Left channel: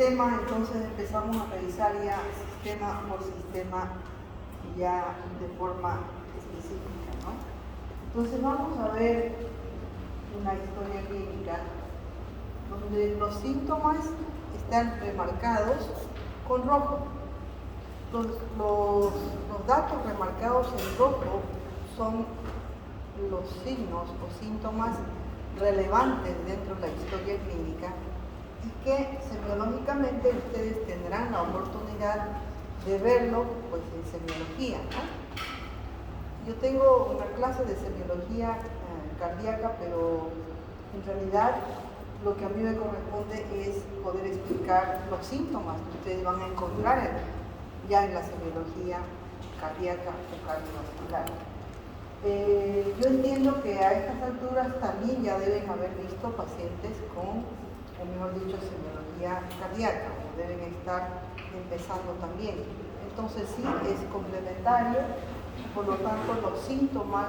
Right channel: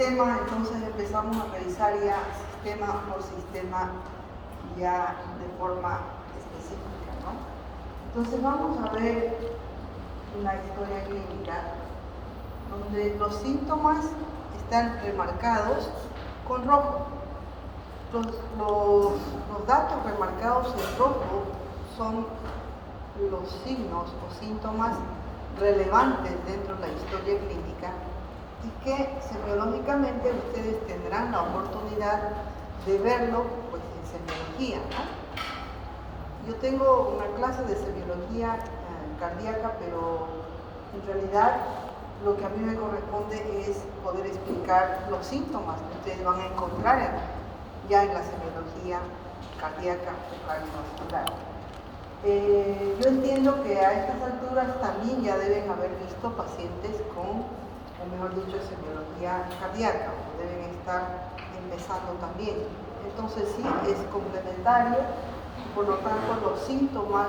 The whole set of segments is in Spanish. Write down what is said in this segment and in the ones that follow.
tema, entonces empezamos a revisar ya sistema por sistema, ya de forma específica, ¿no? Entonces vamos a ver una historia clínica donde los síntomas están remarcados con rojo. Los datos remarcados en rojo son los signos o síntomas relevantes dentro de la historia clínica y que semiológicamente ustedes tendrán la oportunidad de verlo pues, en semiología, ¿no? Yo tengo una clase de semiología cardíaca, pero en realidad lo que a mí me corresponde es poder explicar los síntomas que ustedes van a encontrar ya en la semiología cardíaca o cardiovascular. Yo entiendo que a estas alturas también ya deben haber visto pacientes con, o mejor dicho, semiología cardíaca, deben estar empezando también. Entonces sí, es complementario, por lo tanto los síntomas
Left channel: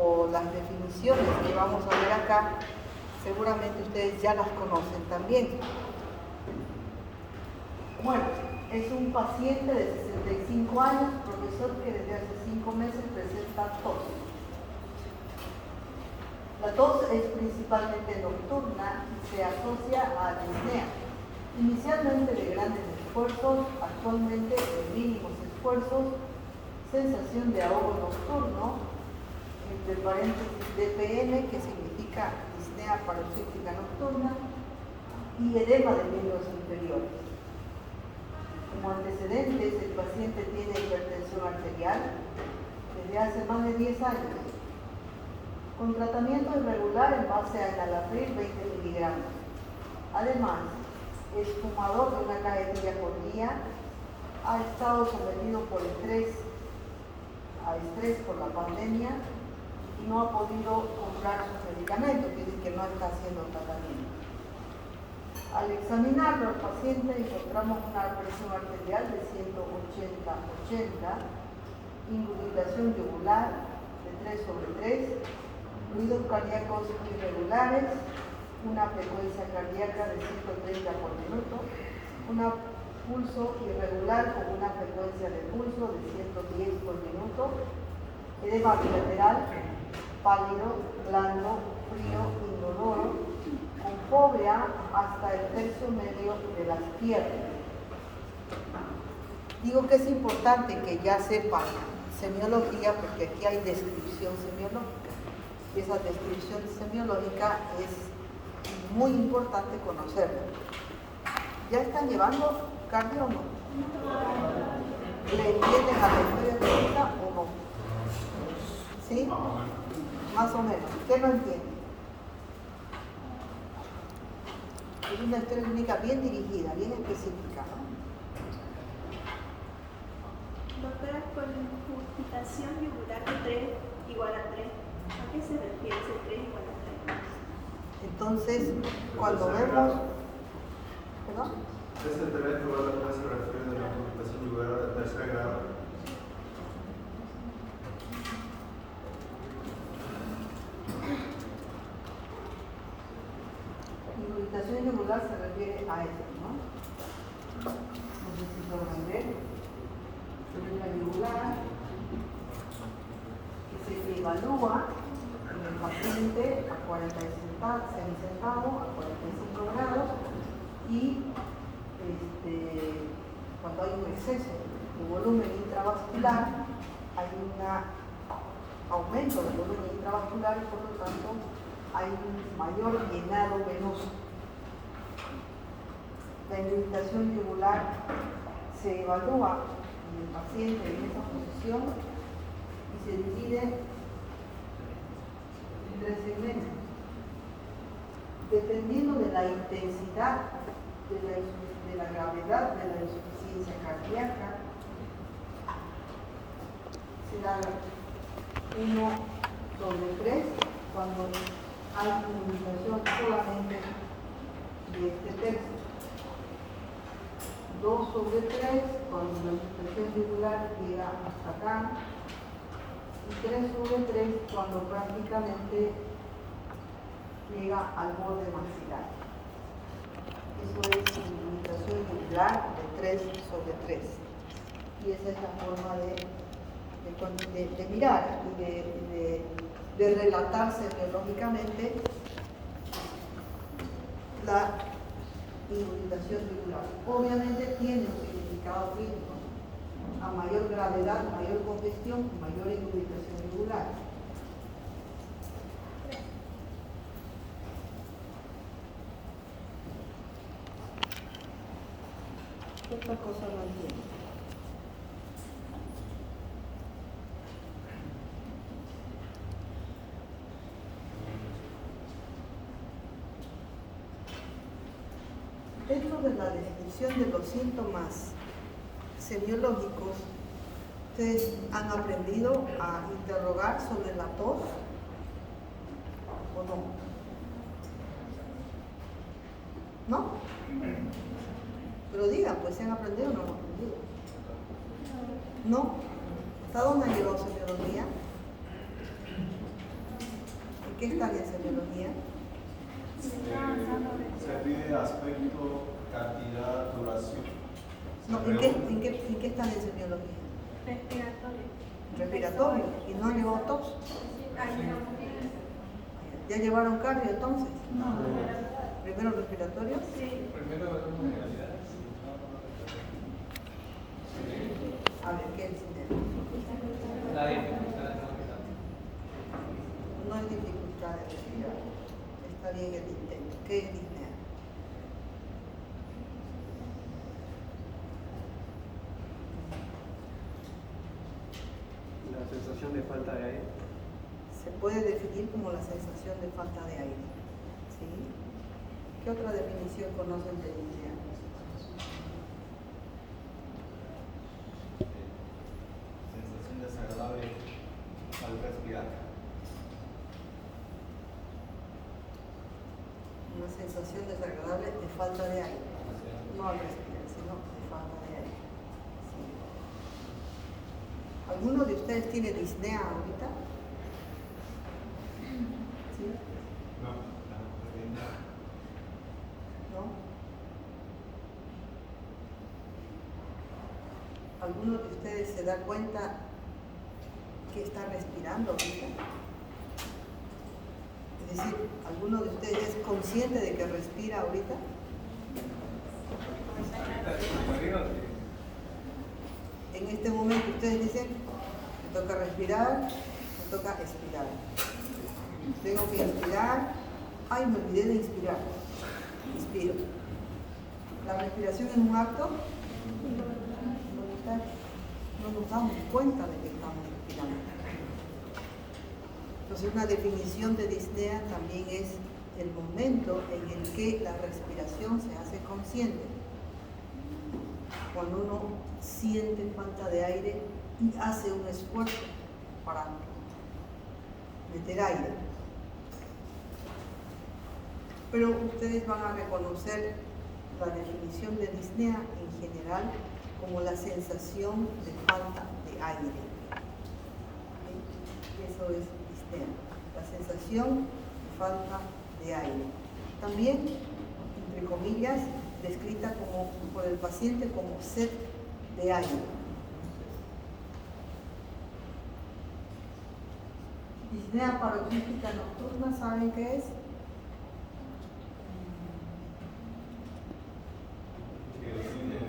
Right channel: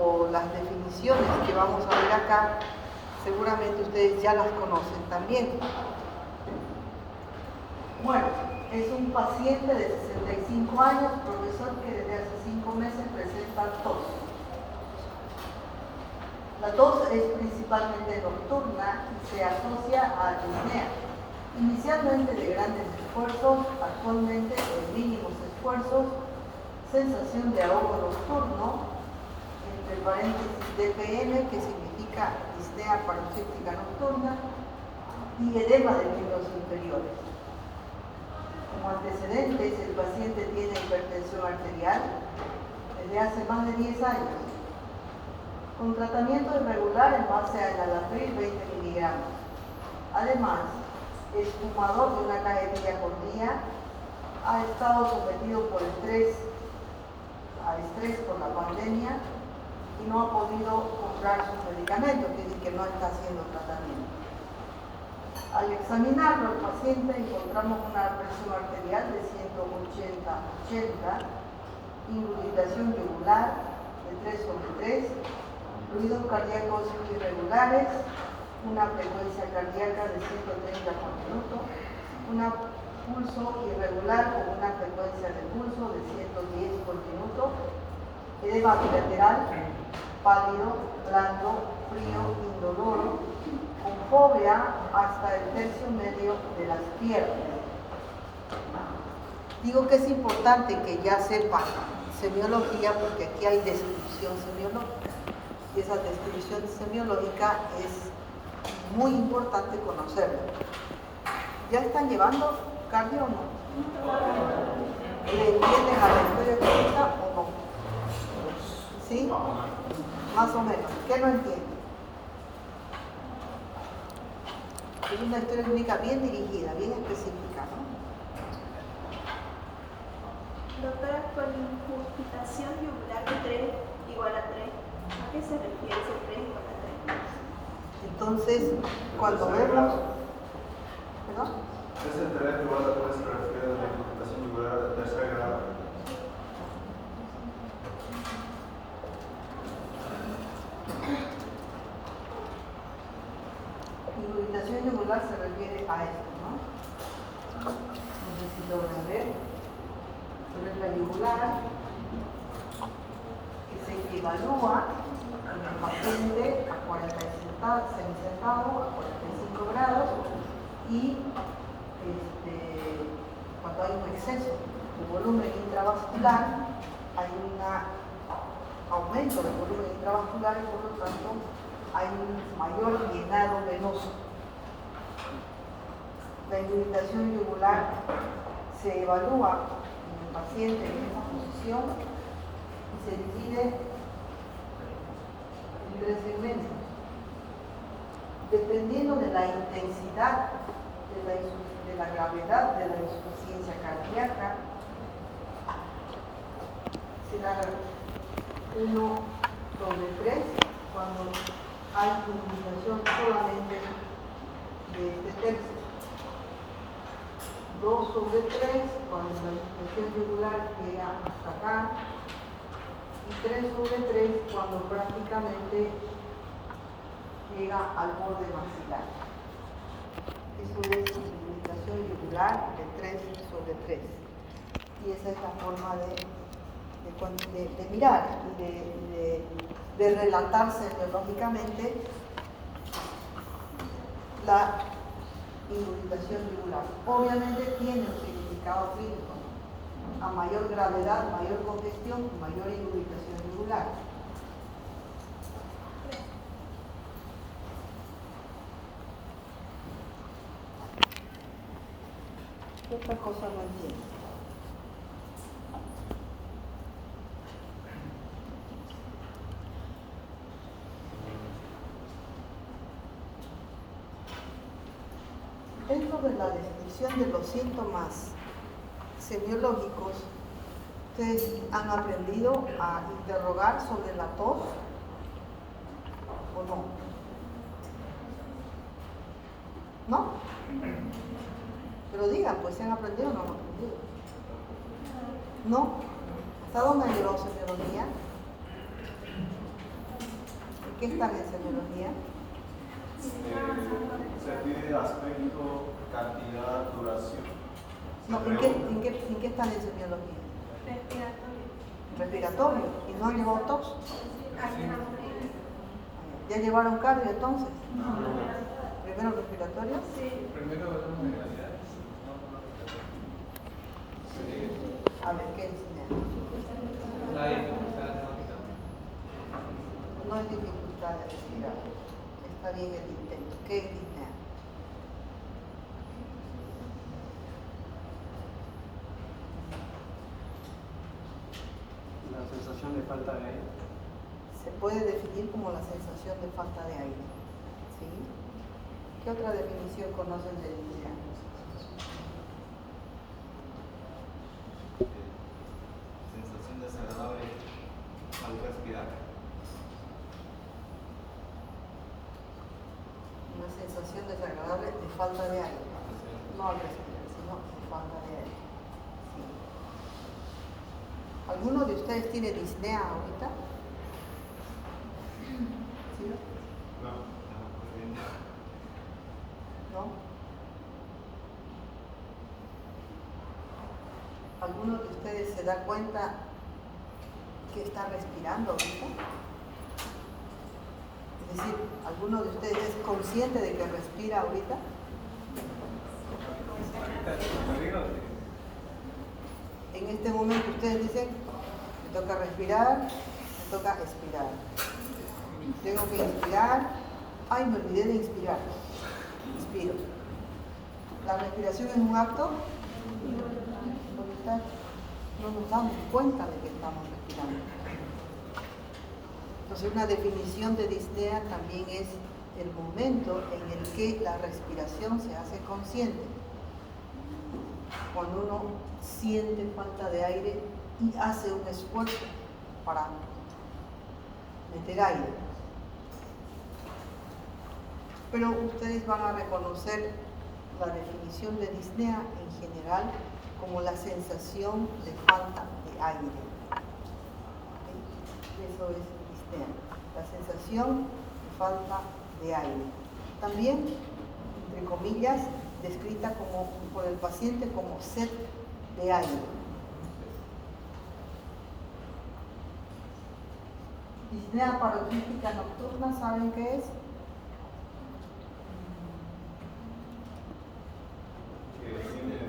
o las definiciones que vamos a ver acá, seguramente ustedes ya las conocen también. Bueno, es un paciente de 65 años, profesor, que desde hace 5 meses presenta tos. La tos es principalmente nocturna y se asocia a disnea, inicialmente de grandes esfuerzos, actualmente de mínimos esfuerzos, sensación de ahogo nocturno, entre paréntesis DPN, que significa disnea paroxística nocturna, y edema de miembros inferiores. Como antecedentes, el paciente tiene hipertensión arterial desde hace más de 10 años, con tratamiento irregular en base a enalapril 20 miligramos. Además, es fumador de una cajetilla por día, ha estado sometido por estrés por la pandemia y no ha podido comprar sus medicamentos, es decir, que no está haciendo tratamiento. Al examinarlo al paciente encontramos una presión arterial de 180/80, indubitación yugular de 3/3, ruidos cardíacos irregulares, una frecuencia cardíaca de 130 por minuto, un pulso irregular con una frecuencia de pulso de 110 por minuto, edema bilateral, pálido, blando, frío, indoloro, con fobia hasta el tercio medio de las piernas. Digo que es importante que ya sepan semiología porque aquí hay descripción semiológica y esa descripción semiológica es muy importante conocerla. ¿Ya están llevando cardio o no? ¿Le entienden a la historia clínica o no? ¿Sí? Más o menos. ¿Qué no entienden? Es una historia clínica bien dirigida, bien específica, ¿no? Doctora, con incurgitación yugular de 3 igual a 3, ¿a qué se refiere ese 3 igual a 3? Entonces, cuando vemos... ¿Perdón? Ese 3 igual a 3 se refiere a la incurgitación yugular de tercer grado. Indubitación yugular se refiere a eso, ¿no? Necesito ver. Pero es la yugular que se evalúa en el paciente a 45 semisentado, a 45 grados y cuando hay un exceso de volumen intravascular, hay un aumento del volumen intravascular y por lo tanto hay un mayor llenado venoso. La indubitación yugular se evalúa en el paciente en esa posición y se divide en 3 segmentos. Dependiendo de la intensidad de la gravedad de la insuficiencia cardíaca, será 1/3 cuando hay indubitación solamente de este tercio, 2/3 cuando la indubitación yugular llega hasta acá y 3/3 cuando prácticamente llega al borde maxilar. Eso es indubitación irritación yugular de 3/3. Y esa es la forma de mirar y de relatarse biológicamente la irritación yugular. Obviamente tiene un significado clínico. A mayor gravedad, mayor congestión, mayor irritación yugular. ¿Qué otra cosa no entiendo? Dentro de la descripción de los síntomas semiológicos, ¿ustedes han aprendido a interrogar sobre la tos o no? ¿No? Pero digan, pues si han aprendido o no han aprendido. ¿No? ¿Hasta dónde han llegado semiología? ¿En qué están en semiología? Se pide aspecto, cantidad, duración. No, ¿en qué están en semiología? Respiratorio. Respiratorio. ¿Y no llevó tos? ¿Ya llevaron cardio entonces? ¿Primero respiratorio? Sí. Primero vemos generalidades. A ver, ¿qué enseñan? La dificultad. No hay dificultad de respirar. Está bien el intento. ¿Qué es disnea? La sensación de falta de aire. Se puede definir como la sensación de falta de aire. ¿Sí? ¿Qué otra definición conocen de disnea? Sensación desagradable al respirar. Una sensación desagradable de falta de aire. No al respirar, sino de falta de aire. Sí. ¿Alguno de ustedes tiene disnea ahorita? ¿Sí? ¿No? ¿Alguno de ustedes se da cuenta que está respirando ahorita? Es decir, ¿alguno de ustedes es consciente de que respira ahorita? En este momento ustedes dicen, me toca respirar, me toca expirar. Tengo que inspirar, ay, me olvidé de inspirar. Inspiro. La respiración es un acto voluntario. No nos damos cuenta de que estamos respirando. Entonces, una definición de disnea también es el momento en el que la respiración se hace consciente. Cuando uno siente falta de aire y hace un esfuerzo para meter aire. Pero ustedes van a reconocer la definición de disnea en general como la sensación de falta de aire. Eso es disnea, la sensación de falta de aire. También, entre comillas, descrita como, por el paciente como sed de aire. Disnea paroxística nocturna, ¿saben qué es? Que define el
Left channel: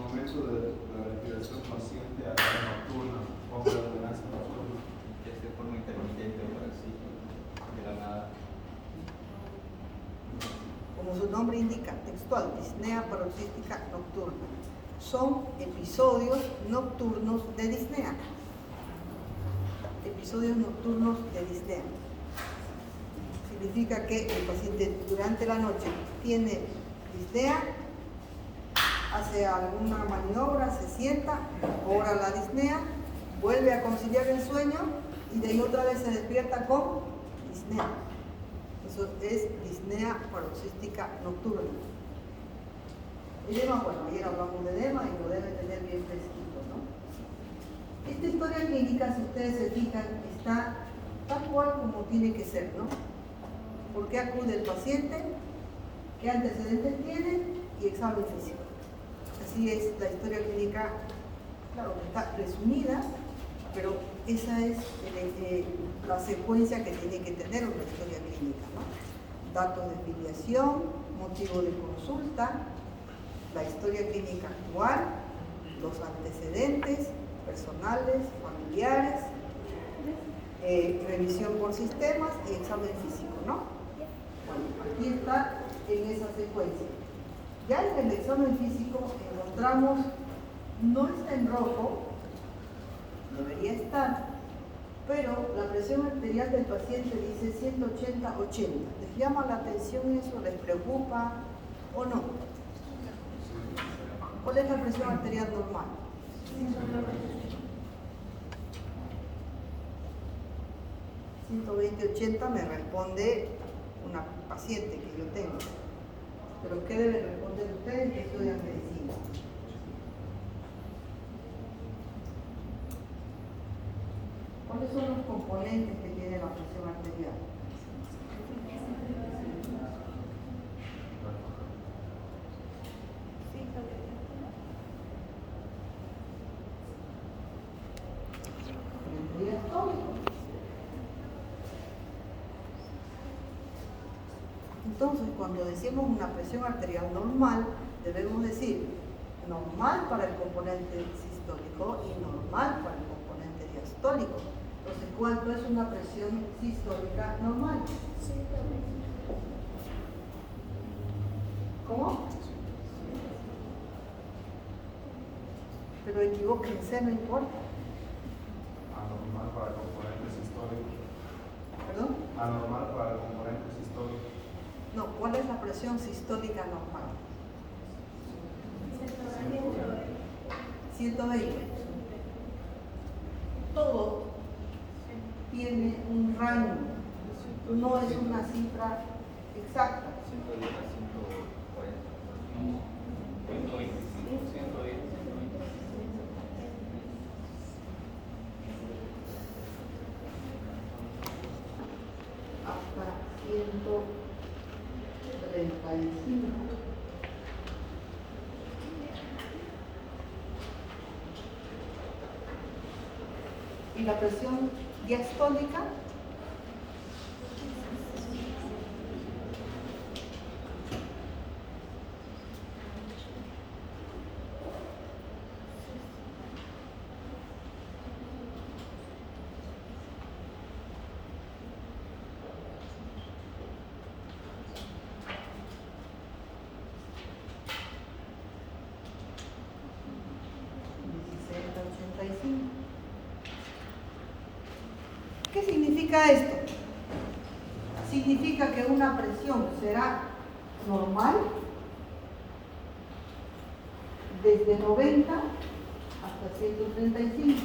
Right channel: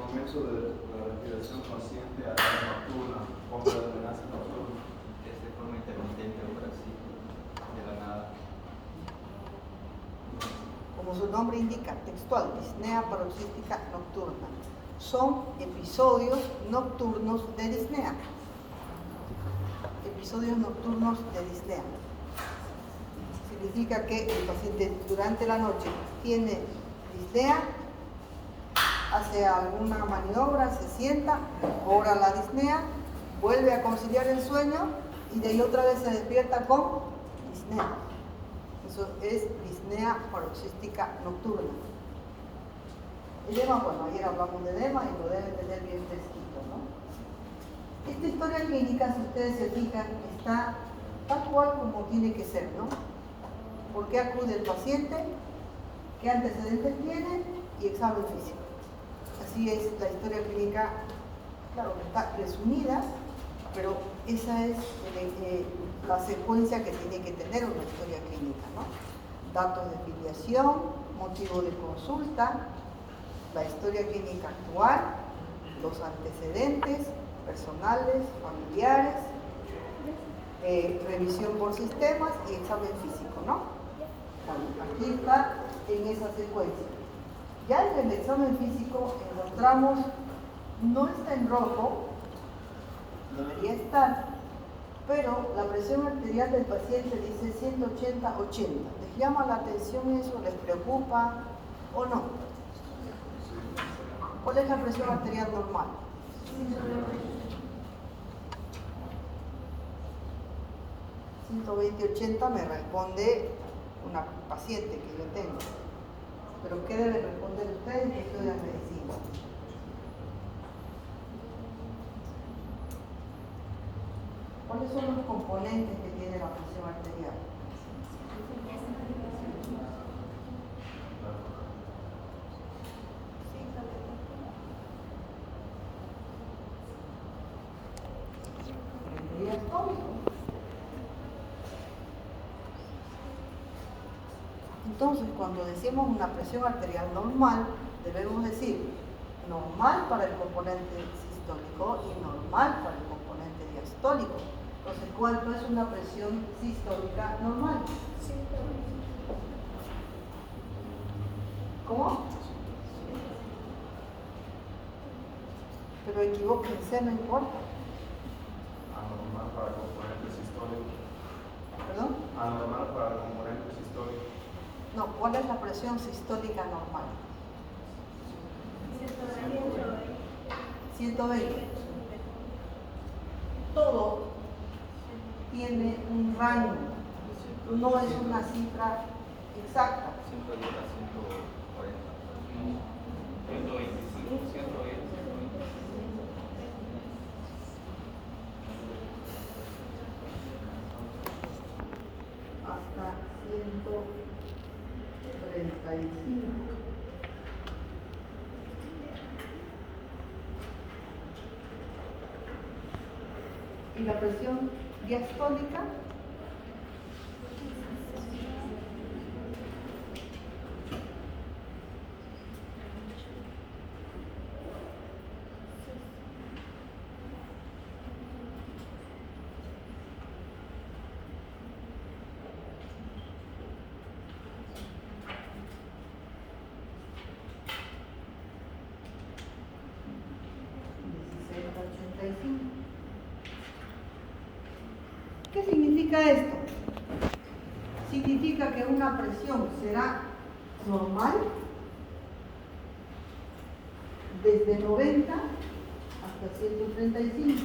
momento de la respiración paciente a la nocturna o de la ordenanza nocturna. Es de forma intermitente o así, de la nada. Como su nombre indica, textual, disnea paroxística nocturna. Son episodios nocturnos de disnea. Episodios nocturnos de disnea. Significa que el paciente durante la noche tiene disnea, hace alguna maniobra, se sienta, mejora la disnea, vuelve a conciliar el sueño y de ahí otra vez se despierta con disnea. Eso es disnea paroxística nocturna. El edema, bueno, ayer hablamos de edema y lo deben tener bien fresquito, ¿no? Esta historia clínica, si ustedes se fijan, está tal cual como tiene que ser, ¿no? ¿Por qué acude el paciente? ¿Qué antecedentes tiene? Y examen físico. Así es la historia clínica, claro, está resumida, pero esa es la secuencia que tiene que tener una historia clínica, ¿no? Datos de filiación, motivo de consulta, la historia clínica actual, los antecedentes personales, familiares, revisión por sistemas y examen físico, ¿no? Bueno, aquí está en esa secuencia. Ya en el examen físico encontramos, no está en rojo, debería estar, pero la presión arterial del paciente dice 180/80. ¿Les llama la atención eso? ¿Les preocupa o no? ¿Cuál es la presión arterial normal? 120/80 me responde una paciente que yo tengo. Pero ¿qué deben responder ustedes que estudian medicina? ¿Cuáles son los componentes que tiene la presión arterial? El diastólico. Entonces, cuando decimos una presión arterial normal, debemos decir normal para el componente sistólico y normal para el componente diastólico. Entonces, ¿cuánto es una presión sistólica normal? ¿Cómo? Pero equivóquense, no importa. Anormal para el componente sistólico. ¿Perdón? Anormal para el componente sistólico. No, ¿cuál es la presión sistólica normal? 120. Todo tiene un rango, no es una cifra exacta. 110 a 140. 120. Hasta 135. ¿Y la presión diastólica? ¿Qué significa esto? Significa que una presión será normal desde 90 hasta 135.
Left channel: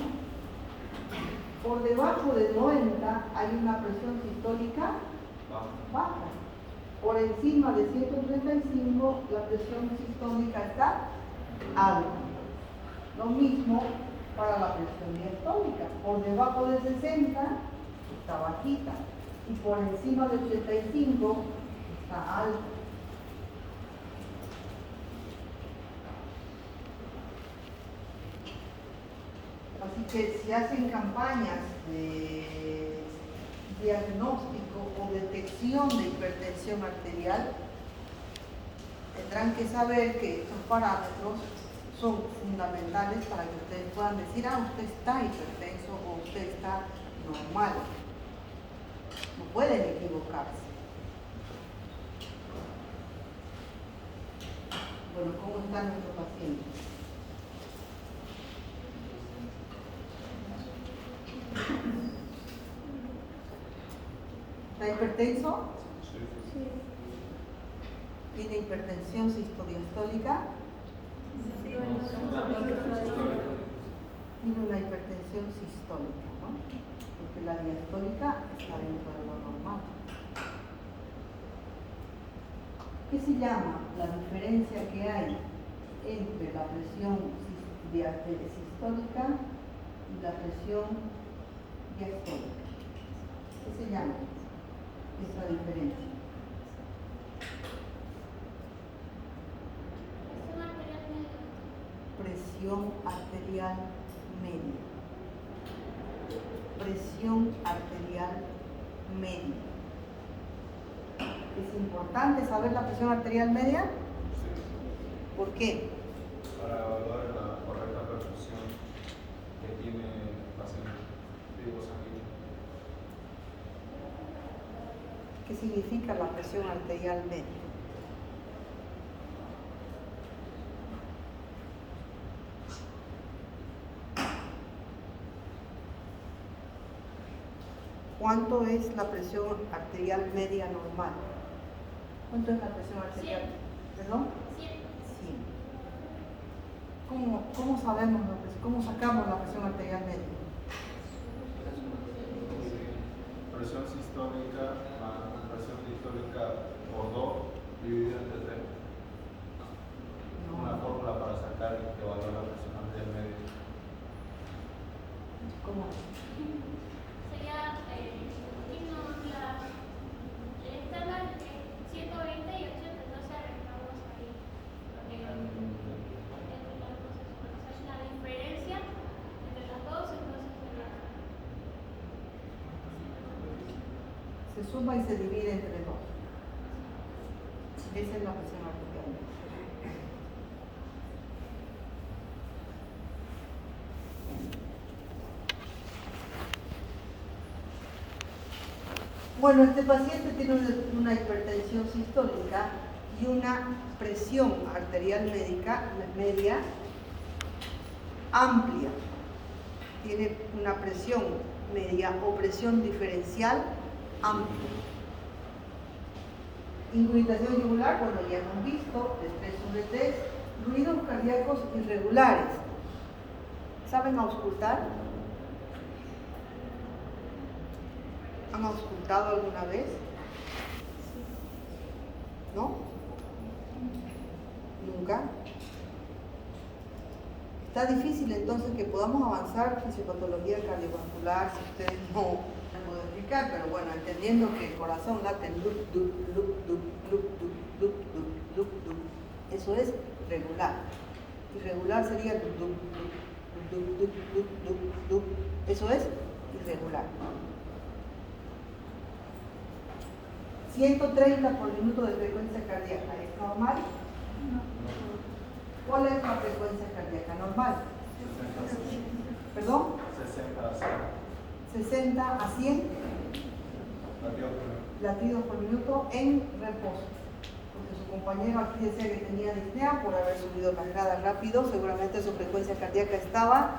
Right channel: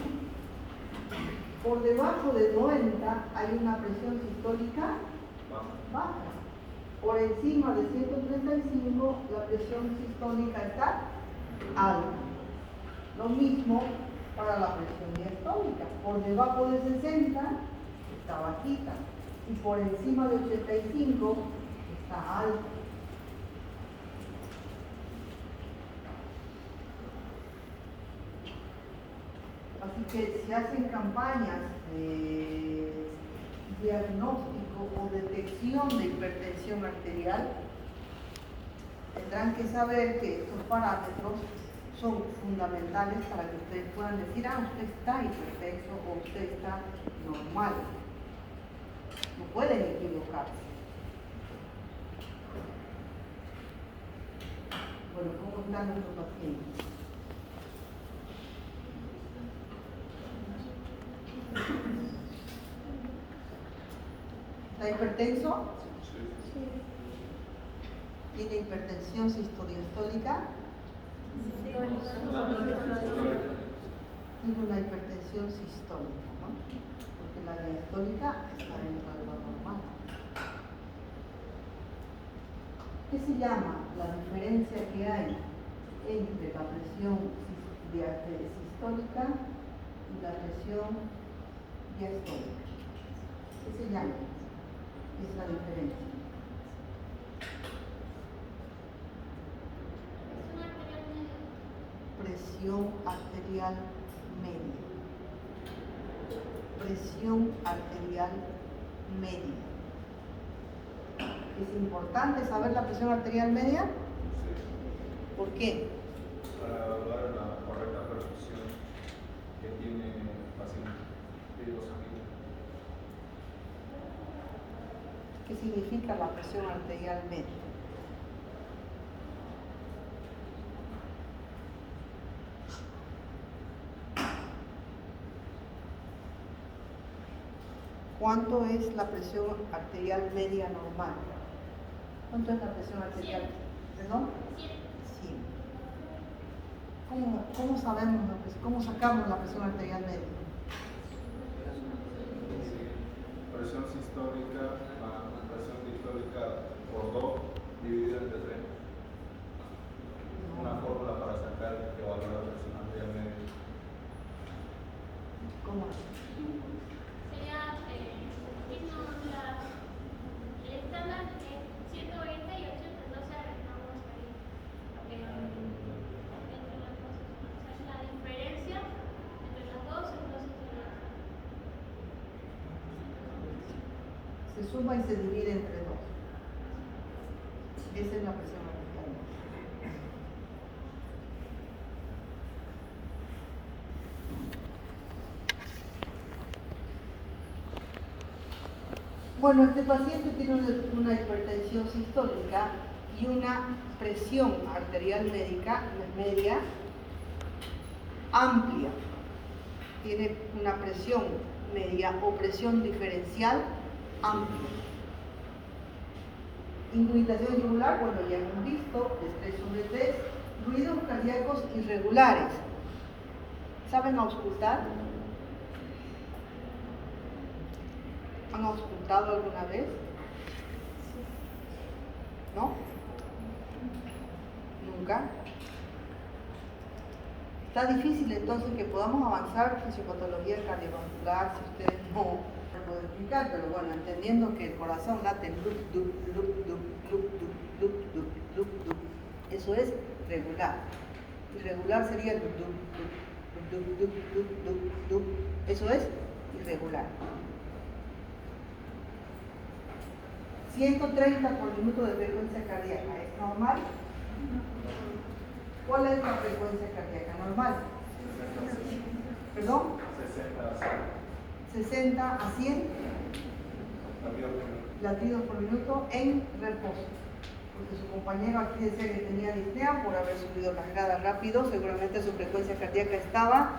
Por debajo de 90 hay una presión sistólica baja. Por encima de 135 la presión sistólica está alta. Lo mismo para la presión diastólica. Por debajo de 60 está bajita y por encima de 85 está alta. Así que si hacen campañas de diagnóstico o detección de hipertensión arterial, tendrán que saber que estos parámetros son fundamentales para que ustedes puedan decir, usted está hipertenso o usted está normal. No pueden equivocarse. Bueno, ¿cómo está nuestro paciente? ¿Está hipertenso? ¿Tiene hipertensión sistodiastólica? Tiene una hipertensión sistólica, ¿no? Porque la diastólica está dentro de lo normal. ¿Qué se llama la diferencia que hay entre la presión sistólica y la presión diastólica? ¿Qué se llama esa diferencia? presión arterial media. Presión arterial media. ¿Es importante saber la presión arterial media? Sí. ¿Por qué? Para evaluar la correcta perfusión que tiene el paciente de los sanguíneos. ¿Qué significa la presión arterial media? ¿Cuánto es la presión arterial media normal? ¿Cuánto es la presión arterial? ¿Perdón? 100. ¿Cómo sabemos, cómo sacamos la presión arterial media? Presión sistólica más presión diastólica por 2 dividido entre 3. Una fórmula para sacar que valga la presión arterial media. ¿Cómo es? Sería el estándar de 120 y 80, entonces estamos ahí entre las cosas. O sea, la diferencia entre las dos, entonces Se suma y se divide entre 2. Esa es la presión arterial. Bueno, este paciente tiene una hipertensión sistólica y una presión arterial media amplia. Tiene una presión media o presión diferencial amplia. Ingurgitación yugular, bueno, ya hemos visto, de 3/3, ruidos cardíacos irregulares. ¿Saben auscultar? ¿Han auscultado alguna vez? ¿No? ¿Nunca? Está difícil entonces que podamos avanzar fisiopatología cardiovascular si ustedes no puedo explicar, pero bueno, entendiendo que el corazón late lup, lup, lup, lup, lup, lup, lup, lup, lup, lup. Eso es regular. Irregular sería lup, lup, lup, lup, lup, lup, lup, lup. Eso es irregular. 130 por minuto de frecuencia cardíaca, ¿es normal? ¿Cuál es la frecuencia cardíaca normal? 60 ¿Perdón? a 100. 60 a 100 latidos por minuto en reposo. Porque su compañero aquí decía que tenía disnea por haber subido la grada rápido, seguramente su frecuencia cardíaca estaba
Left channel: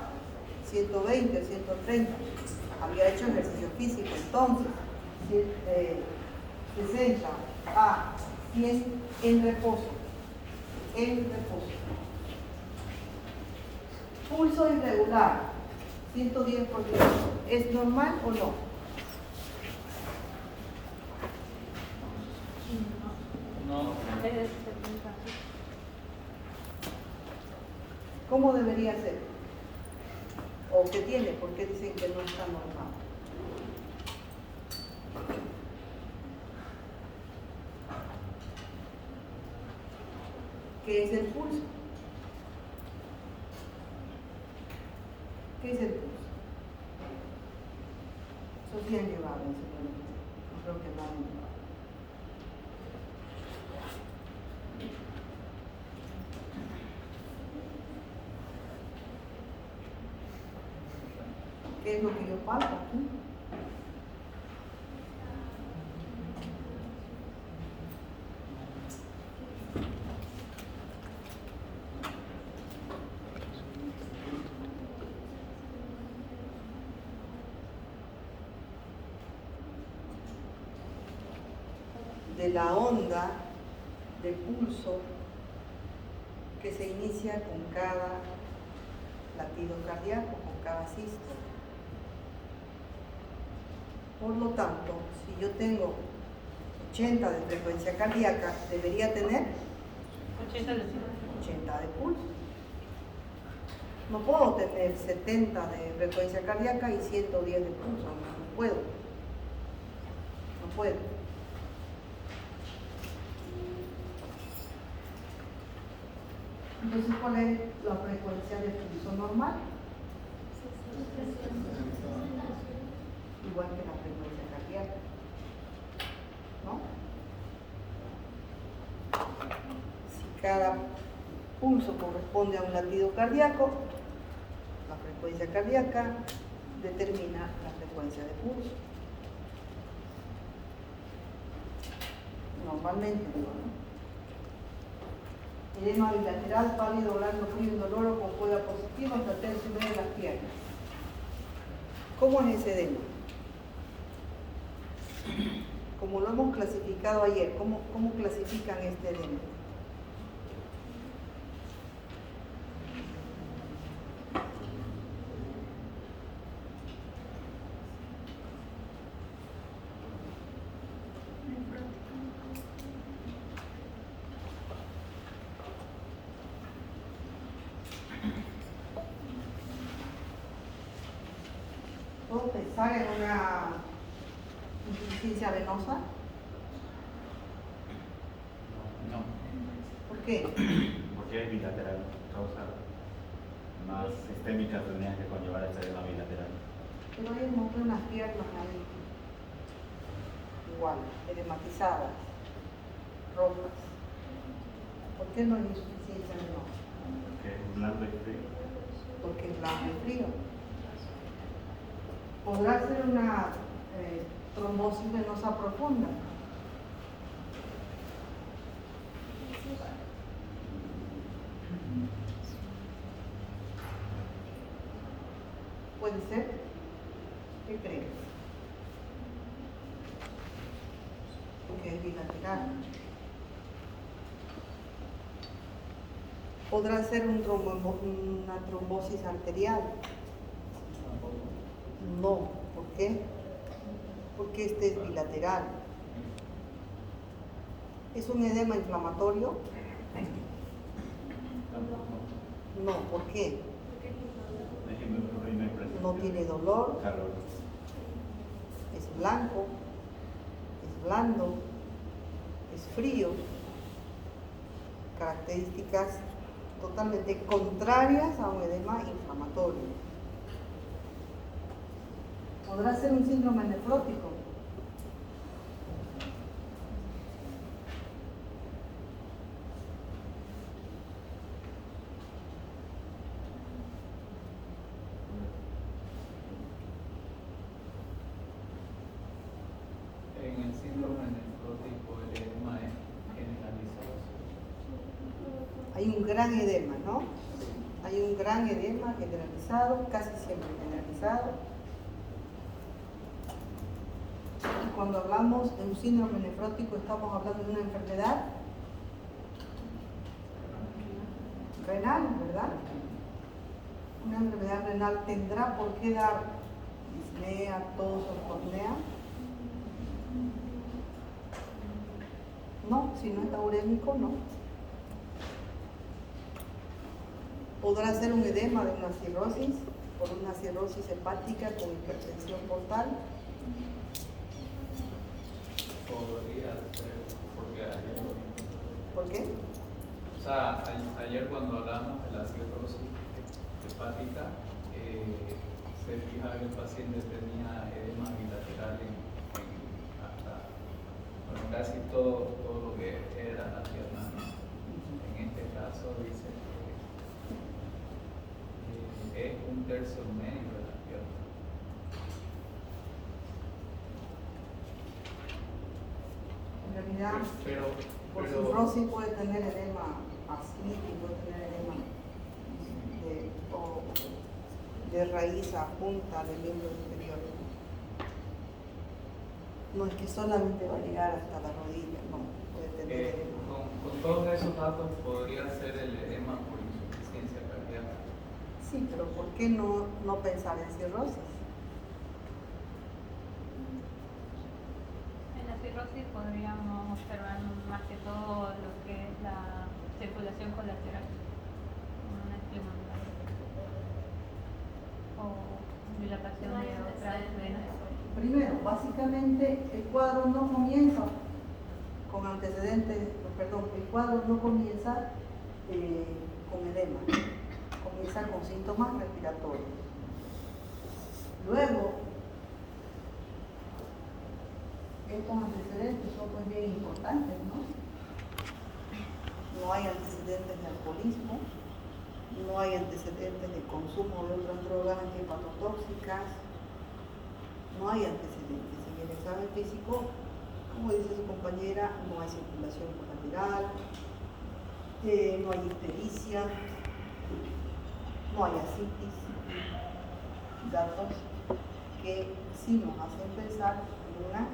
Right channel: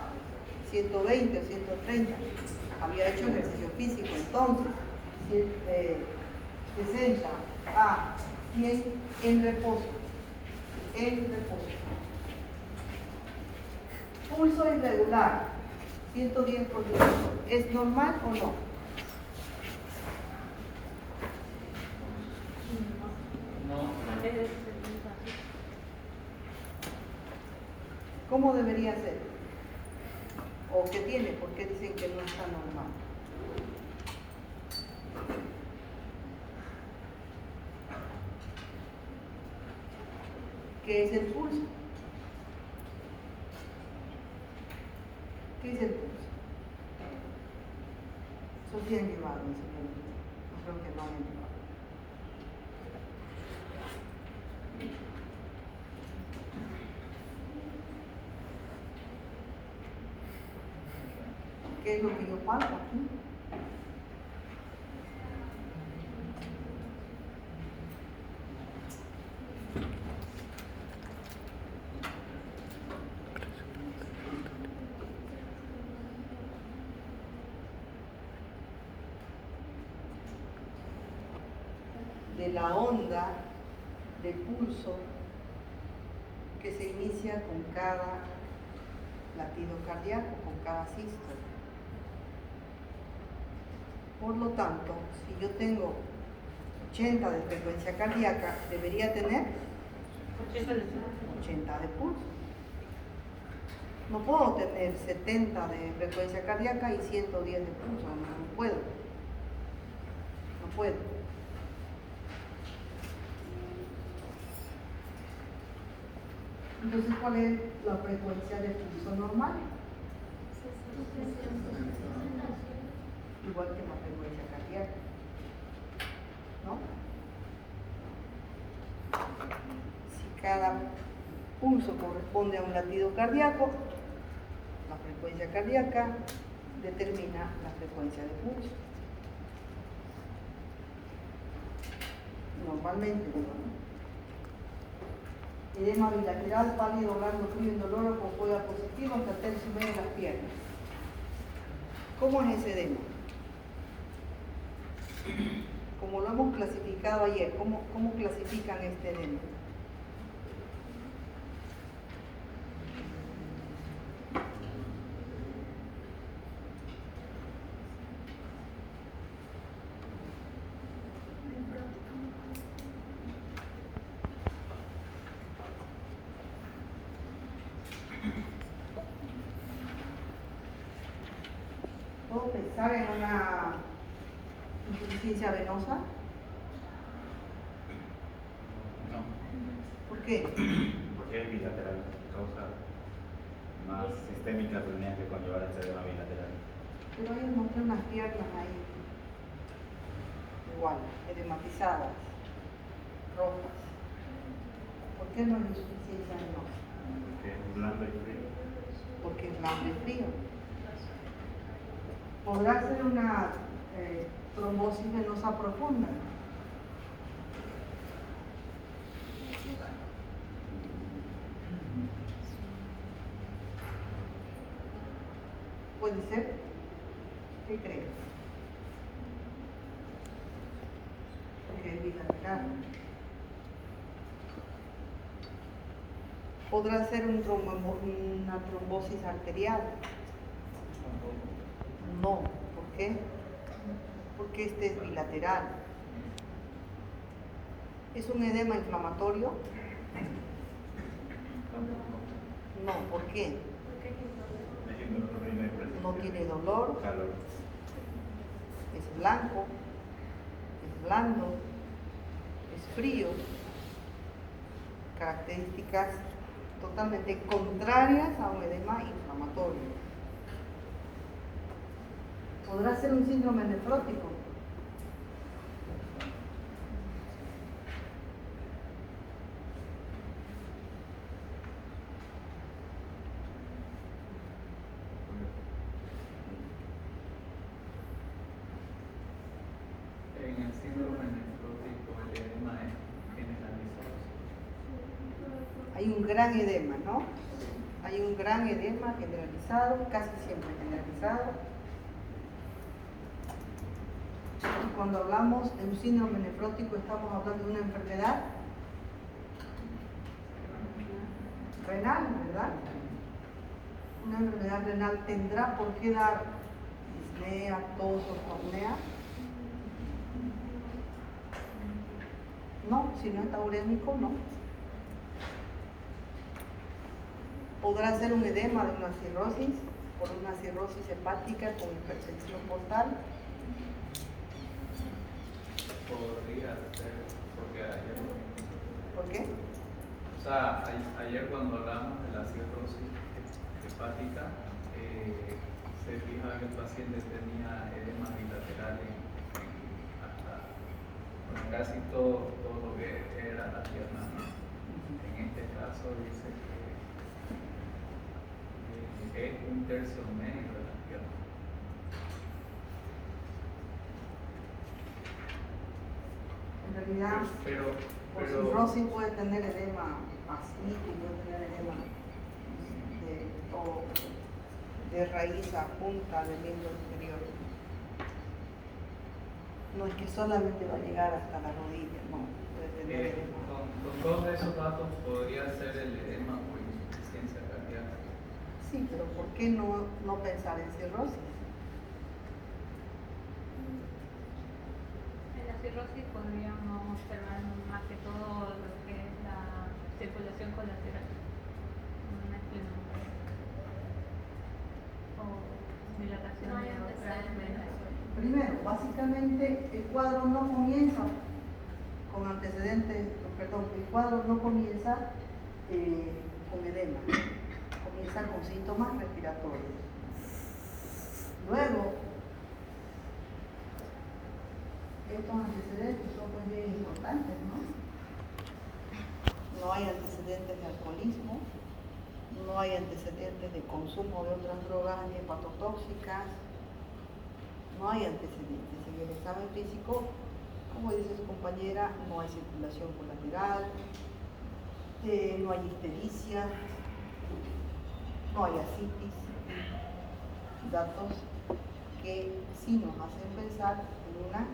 120 o 130. Había hecho ejercicio físico, entonces 60 a 100 en reposo. En reposo. Pulso irregular, 110 por minuto. ¿Es normal o no? No. ¿Cómo debería ser? ¿O qué tiene? ¿Por qué dicen que no está normal? ¿Qué es el pulso? ¿Qué es el pulso? Eso sí han llevado, no creo que no han llevado. ¿Qué es lo que yo palpo aquí? De la onda de pulso que se inicia con cada latido cardíaco, con cada sístole. Por lo tanto, si yo tengo 80 de frecuencia cardíaca, debería tener 80 de pulso. No puedo tener 70 de frecuencia cardíaca y 110 de pulso, no puedo. No puedo. Entonces, ¿cuál es la frecuencia de pulso normal? Igual que la frecuencia cardíaca, ¿no? Si cada pulso corresponde a un latido cardíaco, la frecuencia cardíaca determina la frecuencia de pulso. Normalmente, ¿no? Edema bilateral, pálido, blando, frío, indoloro, con coda positiva hasta tercio y medio de las piernas. ¿Cómo es ese edema? Como lo hemos clasificado ayer, ¿cómo clasifican este edema? ¿Puedo pensar en una insuficiencia venosa? No, ¿Por qué? porque es bilateral, causa más sistémicas tendrían que conllevar al ser una bilateral. Pero hay un montón de unas piernas ahí, igual, edematizadas, rojas. ¿Por qué no hay insuficiencia venosa? Porque es blando y frío. Porque es blando y frío. Podrá ser una trombosis venosa profunda. ¿Puede ser? ¿Qué crees? Porque es bilateral. ¿Podrá ser una trombosis arterial? No. ¿Por qué? Porque este es bilateral. ¿Es un edema inflamatorio? No. ¿Por qué? No tiene dolor, Calor. es blanco, es blando, es frío. Características totalmente contrarias a un edema inflamatorio. ¿Podrá ser un síndrome nefrótico? En el síndrome nefrótico el edema es generalizado. Hay un gran edema, ¿no? Hay un gran edema generalizado, casi siempre generalizado. Cuando hablamos de un síndrome nefrótico, estamos hablando de una enfermedad renal, ¿verdad? Una enfermedad renal tendrá por qué dar disnea, tos o cornea. No, si no es taurémico, no. Podrá ser un edema de una cirrosis, por una cirrosis hepática con hipertensión portal. Podría ser, porque ayer lo vimos. ¿Por qué? O sea, ayer cuando hablamos de la cirrosis hepática, se fija que el paciente tenía edema bilateral hasta casi todo lo que era la pierna, ¿no? En este caso dice que es un tercio medio de la pierna. En realidad, por Pero cirrosis puede tener edema así, puede tener edema de raíz a punta del miembro inferior. No es que solamente va a llegar hasta la rodilla, no, puede tener edema. con todos esos datos podría ser el edema por insuficiencia cardíaca. Sí, pero ¿por qué no pensar en cirrosis? En la cirrosis podríamos observar más que todo lo que es la circulación colateral, como una esplenomegalia o dilatación de otras venas. Primero, básicamente el cuadro no comienza con antecedentes, perdón, el cuadro no comienza con edema. Comienza con síntomas respiratorios. Luego, estos antecedentes son pues bien importantes, ¿no? No hay antecedentes de alcoholismo, no hay antecedentes de consumo de otras drogas hepatotóxicas, no hay antecedentes. En el examen físico, como dice su compañera, no hay circulación colateral, no hay ictericia, no hay ascitis, datos que sí nos hacen pensar en una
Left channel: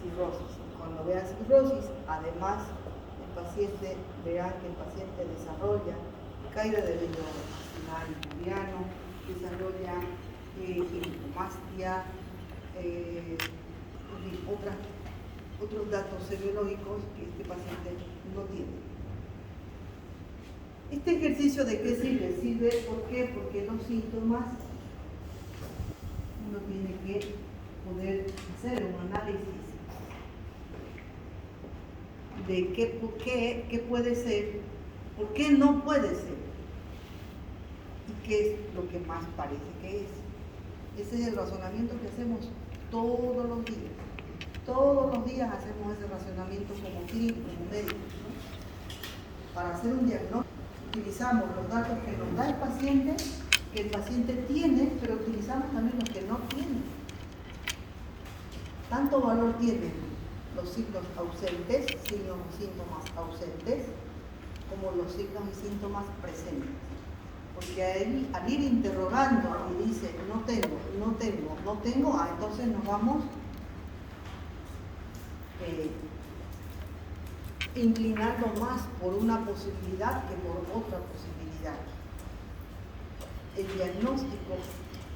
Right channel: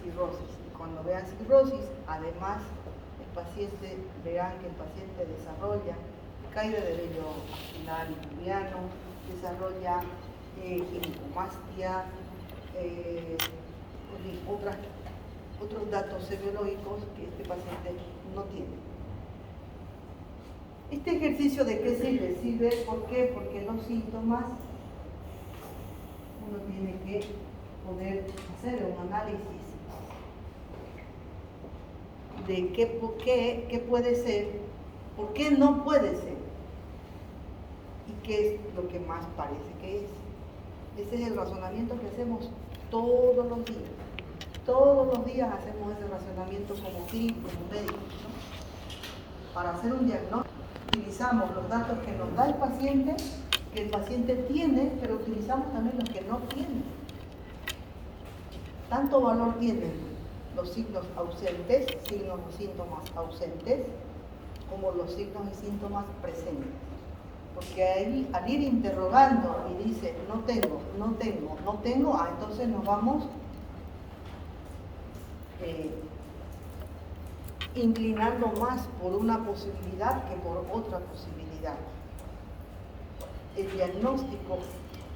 cirrosis. Y cuando vean cirrosis, además, el paciente, verán que el paciente desarrolla caída de vello axilar y pubiano, desarrolla ginecomastía, otros datos serológicos que este paciente no tiene. Este ejercicio ¿de qué sirve? Sirve ¿por qué? Porque los síntomas uno tiene que poder hacer un análisis de qué puede ser, por qué no puede ser y qué es lo que más parece que es. Ese es el razonamiento que hacemos todos los días. Todos los días hacemos ese razonamiento como clínicos, como médicos, ¿no? Para hacer un diagnóstico utilizamos los datos que nos da el paciente, que el paciente tiene, pero utilizamos también los que no tiene. Tanto valor tienen los signos ausentes, signos y síntomas ausentes, como los signos y síntomas presentes. Porque al ir interrogando y dice no tengo, entonces nos vamos inclinando más por una posibilidad que por otra posibilidad. El diagnóstico,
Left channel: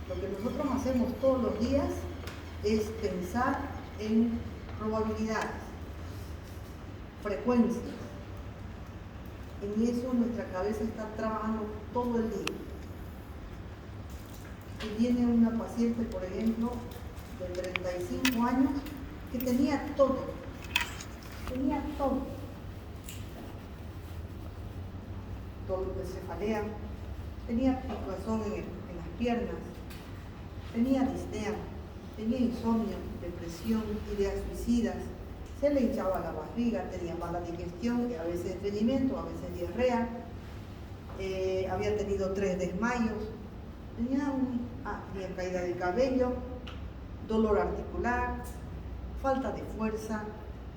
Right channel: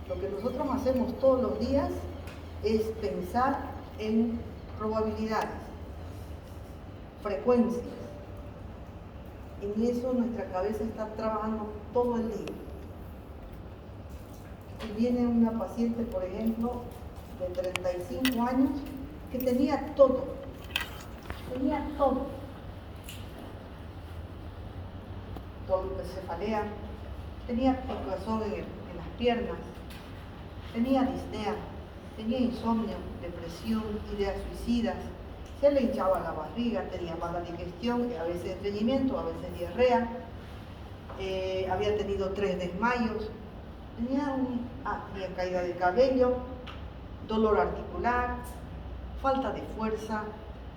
lo que nosotros hacemos todos los días es pensar en probabilidades, frecuencias. En eso nuestra cabeza está trabajando todo el día. Y viene una paciente, por ejemplo, de 35 años, que tenía todo. Cefalea, tenía picazón en las piernas, tenía disnea, tenía insomnio, depresión, ideas suicidas, se le hinchaba la barriga, tenía mala digestión, a veces estreñimiento, a veces diarrea, había tenido 3 desmayos, tenía caída de cabello, dolor articular, falta de fuerza,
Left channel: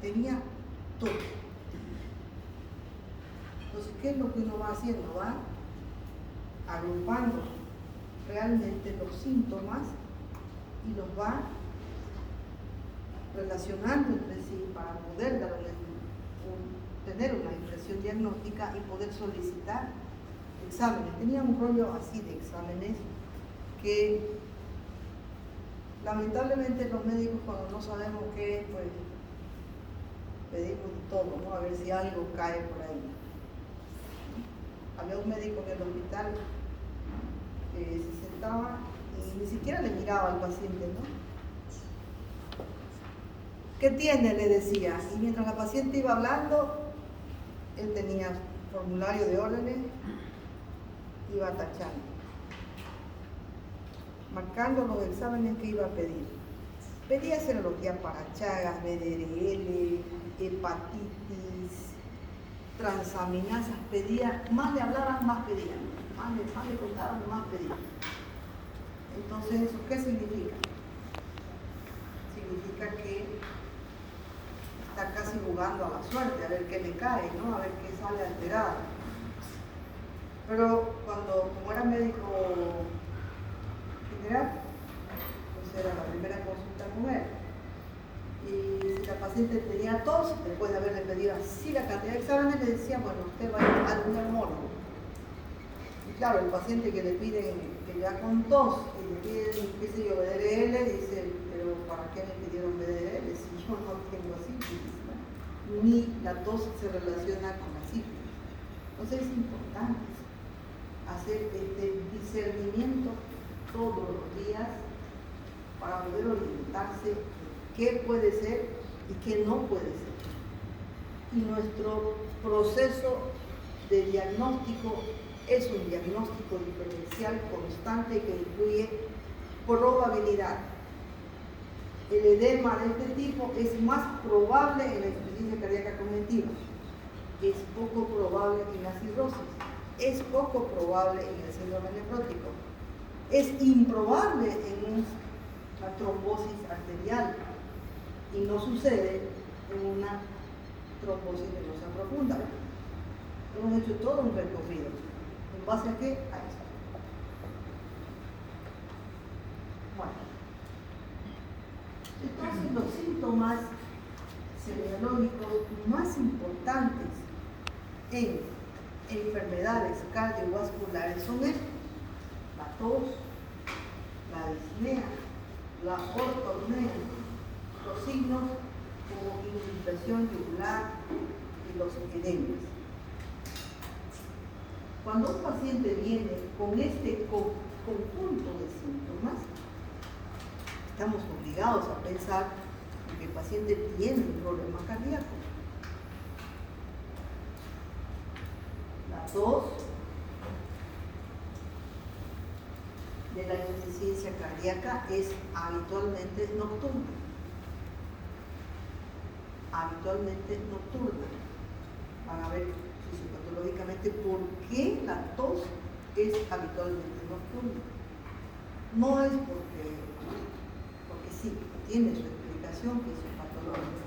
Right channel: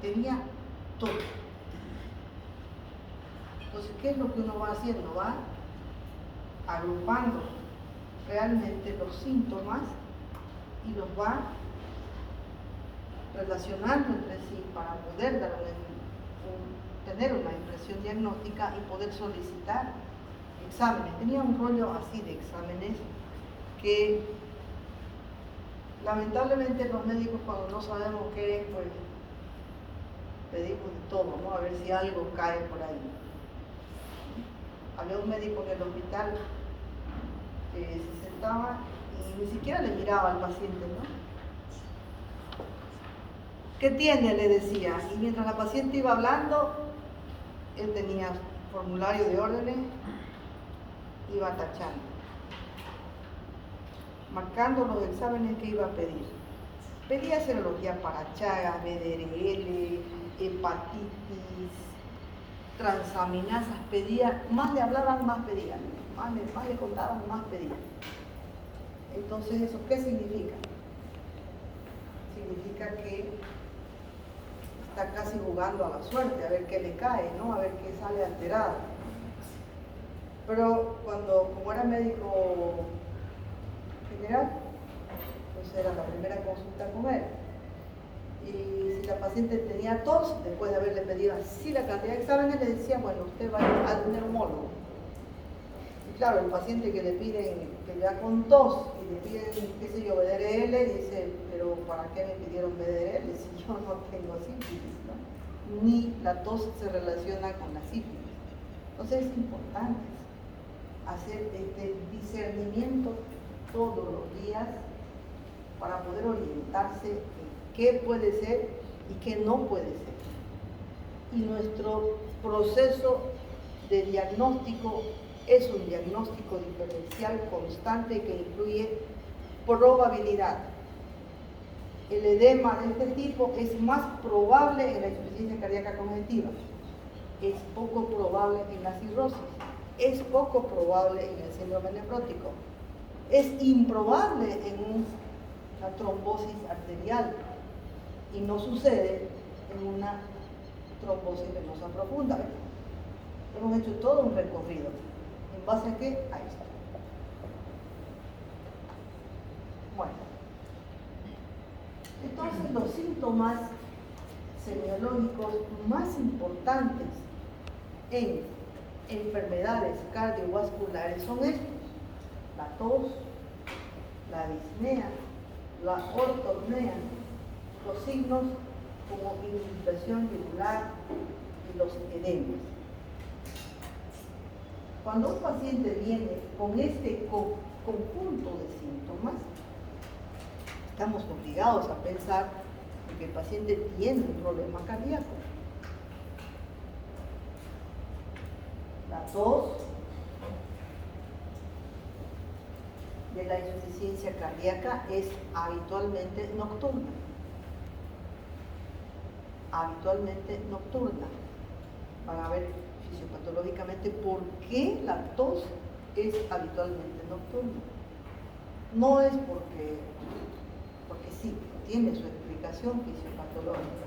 tenía todo. Entonces, ¿qué es lo que uno va haciendo? Va agrupando realmente los síntomas y los va relacionando entre sí para poder tener una impresión diagnóstica y poder solicitar exámenes. Tenía un rollo así de exámenes que lamentablemente los médicos cuando no sabemos qué es, pues pedimos de todo, ¿no? A ver si algo cae por ahí. Había un médico en el hospital que se sentaba y ni siquiera le miraba al paciente, ¿no? ¿Qué tiene?, le decía. Y mientras la paciente iba hablando, él tenía formulario de órdenes, iba tachando, marcando los exámenes que iba a pedir. Pedía serología para Chagas, BDRL, hepatitis, transaminasas, pedía, más le hablaban, más pedían, más le contaban, más pedían. Entonces, ¿eso qué significa? Significa que está casi jugando a la suerte, a ver qué le cae, ¿no? A ver qué sale alterado. Pero como era médico general, pues era la primera consulta con él. Y si la paciente tenía tos, después de haberle pedido así la cantidad de exámenes, le decía, bueno, usted va a ir al neumólogo. Y claro, el paciente que le piden, que ya con tos, y le piden, qué sé yo, BDRL, dice, pero ¿para qué me pidieron BDRL si yo no tengo sífilis, ¿no? Ni la tos se relaciona con la sífilis. Entonces es importante hacer este discernimiento todos los días para poder orientarse en qué puede ser y qué no puede ser. Y nuestro proceso de diagnóstico es un diagnóstico diferencial constante que incluye probabilidad. El edema de este tipo es más probable en la insuficiencia cardíaca congestiva, es poco probable en la cirrosis, es poco probable en el síndrome nefrótico, es improbable en una trombosis arterial y no sucede en una trombosis venosa profunda. Hemos hecho todo un recorrido. ¿En base a qué? Ahí está. Bueno, entonces los síntomas semiológicos más importantes en enfermedades cardiovasculares son estos: la tos, la disnea, la ortopnea, los signos como irritación yugular y los edemas. Cuando un paciente viene con este conjunto de síntomas, estamos obligados a pensar que el paciente tiene un problema cardíaco. La tos de la insuficiencia cardíaca es habitualmente nocturna. Habitualmente nocturna. Van a ver fisiopatológicamente por qué la tos es habitualmente nocturna. No es porque sí, tiene su explicación fisiopatológica.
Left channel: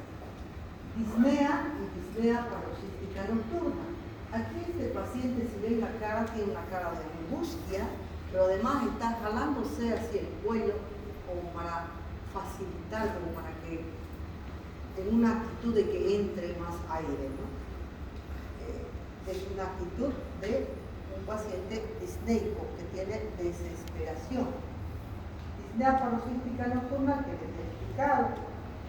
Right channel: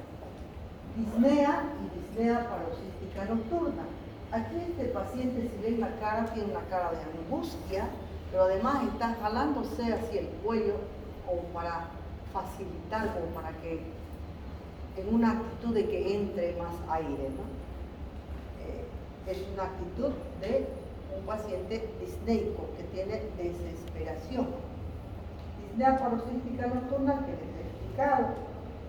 Disnea y disnea paroxística nocturna. Aquí este paciente, si ven la cara, tiene una cara de angustia, pero además está jalándose hacia el cuello como para facilitar, como para que en una actitud de que entre más aire, ¿no? Es una actitud de un paciente disneico que tiene desesperación. Disnea paroxística nocturna, que les he explicado.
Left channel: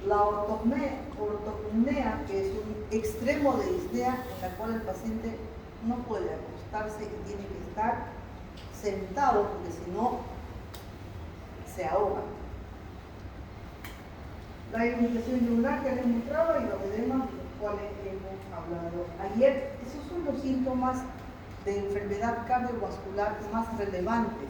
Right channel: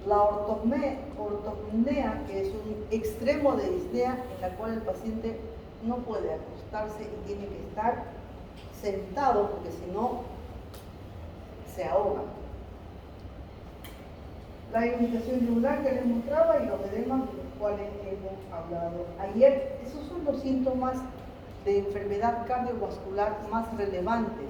La ortopnea, que es un extremo de disnea en la cual el paciente no puede acostarse y tiene que estar sentado porque si no se ahoga. La irritación yugular que les mostraba y los edemas de los cuales hemos hablado ayer. Esos son los síntomas de enfermedad cardiovascular más relevantes.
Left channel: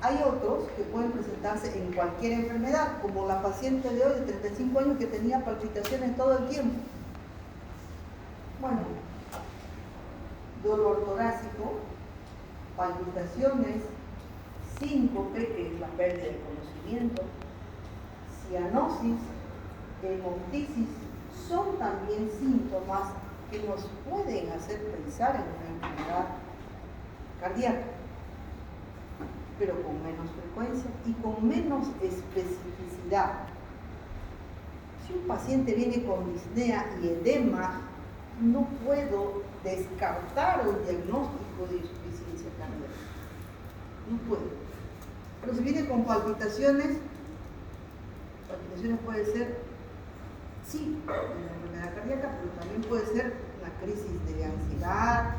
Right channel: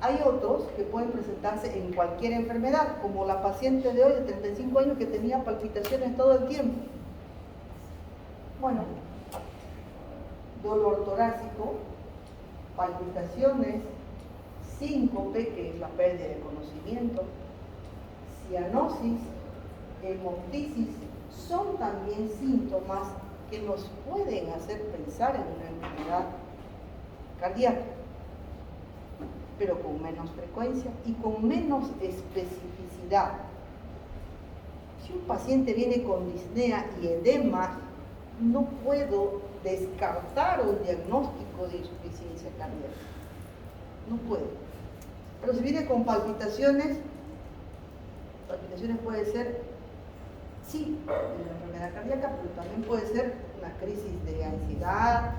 Hay otros que pueden presentarse en cualquier enfermedad, como la paciente de hoy de 35 años que tenía palpitaciones todo el tiempo. Bueno, dolor torácico, palpitaciones, síncope, que es la pérdida de conocimiento, cianosis, hemoptisis, son también síntomas que nos pueden hacer pensar en una enfermedad cardíaca, pero con menos frecuencia y con menos especificidad. Si un paciente viene con disnea y edema, no puedo descartar un diagnóstico de insuficiencia cardíaca. No puedo. Pero si viene con palpitaciones puede ser, sí, una enfermedad cardíaca, pero también puede ser la crisis de ansiedad,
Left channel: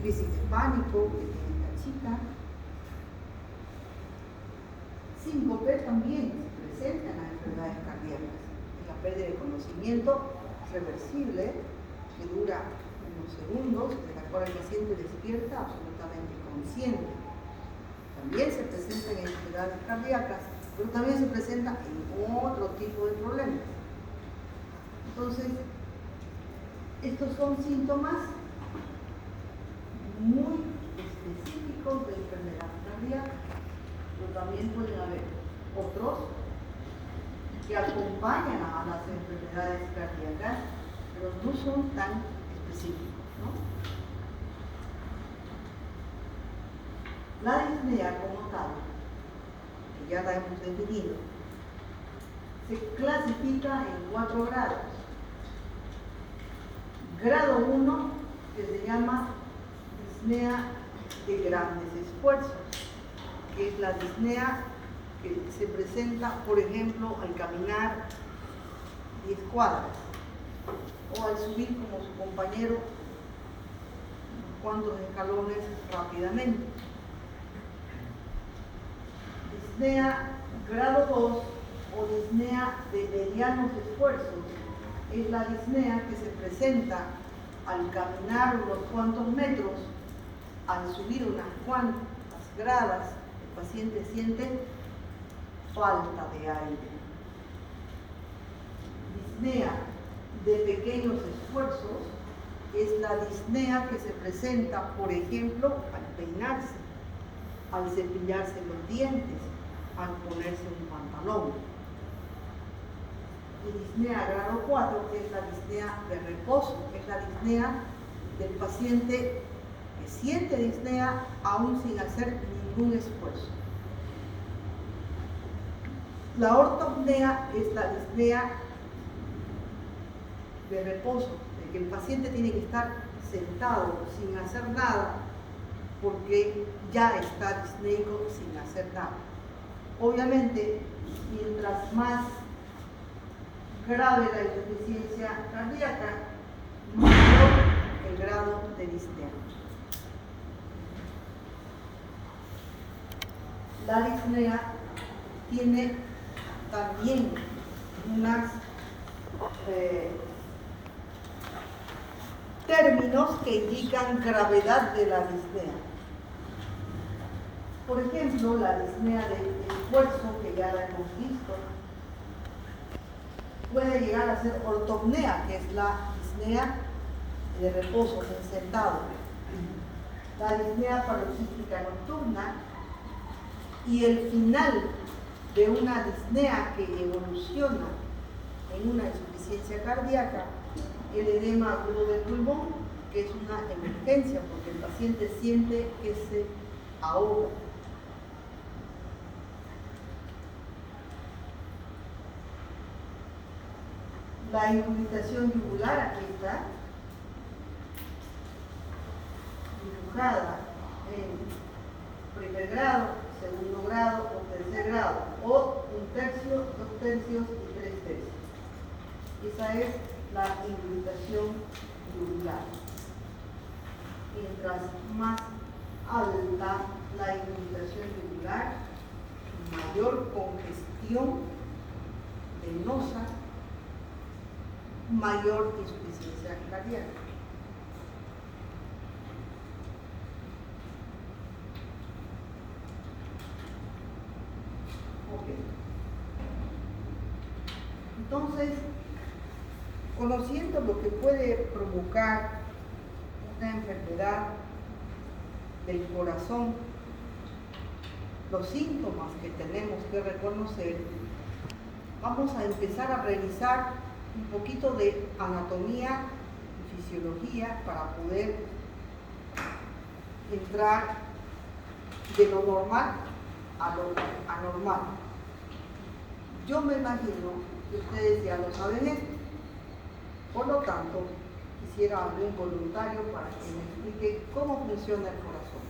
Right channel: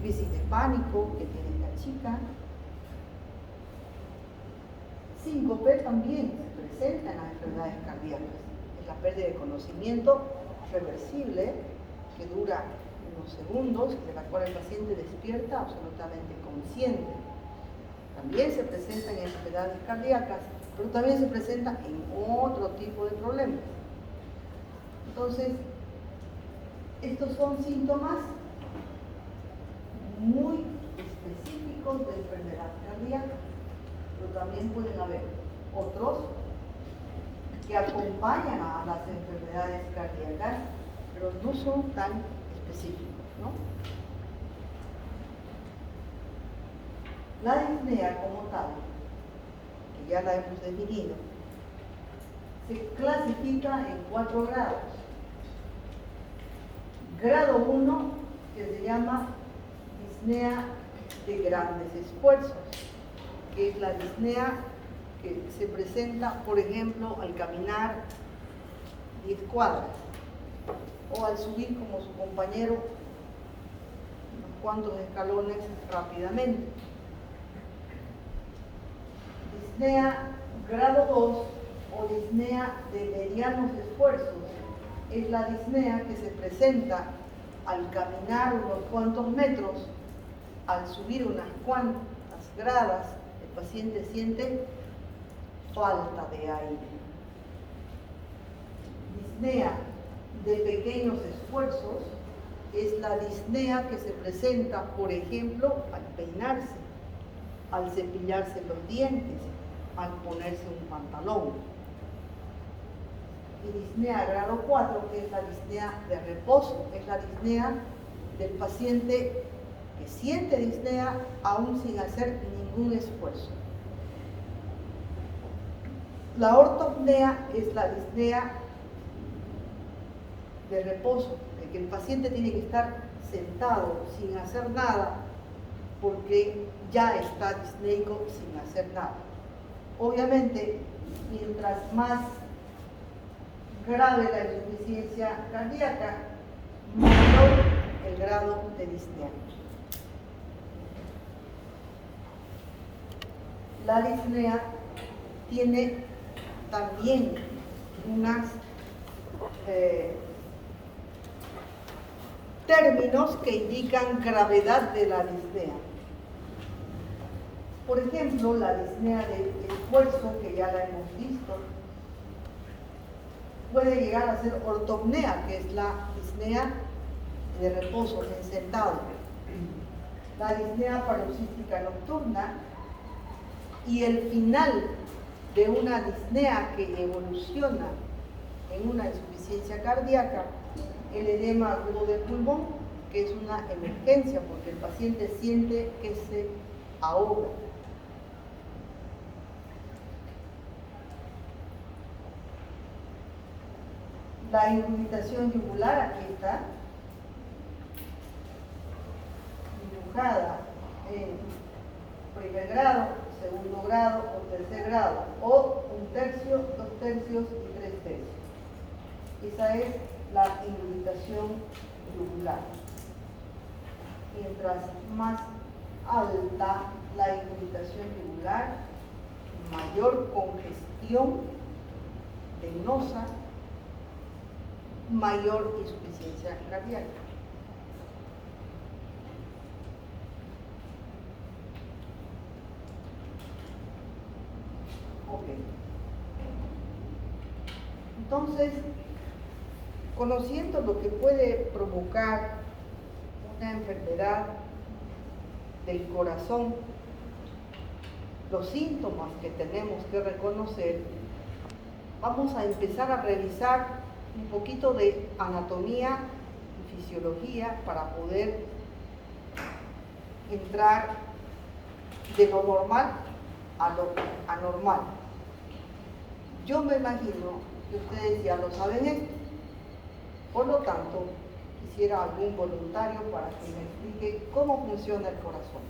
crisis de pánico que tiene la chica. Síncope también se presenta en las enfermedades cardíacas. Es la pérdida de conocimiento reversible que dura unos segundos, de la cual el paciente despierta absolutamente consciente. También se presenta en enfermedades cardíacas, pero también se presenta en otro tipo de problemas. Entonces, estos son síntomas muy específicos de enfermedad cardíaca, pero también pueden haber otros que acompañan a las enfermedades cardíacas, pero no son tan específicos, ¿no? La disnea como tal, que ya la hemos definido, se clasifica en 4 grados. Grado 1, que se llama disnea de grandes esfuerzos, que es la disnea que se presenta, por ejemplo, al caminar 10 cuadras o al subir como su compañero unos cuantos escalones rápidamente. Disnea grado 2 o disnea de medianos esfuerzos es la disnea que se presenta al caminar unos cuantos metros, al subir unas cuantas gradas, el paciente siente falta de aire. Disnea de pequeños esfuerzos es la disnea que se presenta, por ejemplo, al peinarse, al cepillarse los dientes, al ponerse un pantalón. Y disnea grado 4, que es la disnea de reposo, es la disnea del paciente que siente disnea aún sin hacer ningún esfuerzo. La ortopnea es la disnea de reposo, de que el paciente tiene que estar sentado sin hacer nada porque ya está disneico sin hacer nada. Obviamente, mientras más grave la insuficiencia cardíaca, mayor el grado de disnea. La disnea tiene también unos términos que indican gravedad de la disnea. Por ejemplo, la disnea de esfuerzo, que ya la hemos visto, puede llegar a ser ortopnea, que es la disnea de reposo, en sentado. La disnea paroxística nocturna y el final de una disnea que evoluciona en una insuficiencia cardíaca, el edema agudo del pulmón, que es una emergencia porque el paciente siente que se ahoga. La irritación yugular, aquí está, dibujada en primer grado, segundo grado o tercer grado, o 1/3, 2/3 y 3/3. Esa es la irritación yugular. Mientras más alta la irritación yugular, mayor congestión venosa, mayor insuficiencia cardíaca. Ok. Entonces, conociendo lo que puede provocar una enfermedad del corazón, los síntomas que tenemos que reconocer, vamos a empezar a revisar un poquito de anatomía y fisiología para poder entrar de lo normal a lo anormal. Yo me imagino que ustedes ya lo saben esto. Por lo tanto, quisiera algún voluntario para que me explique cómo funciona el corazón.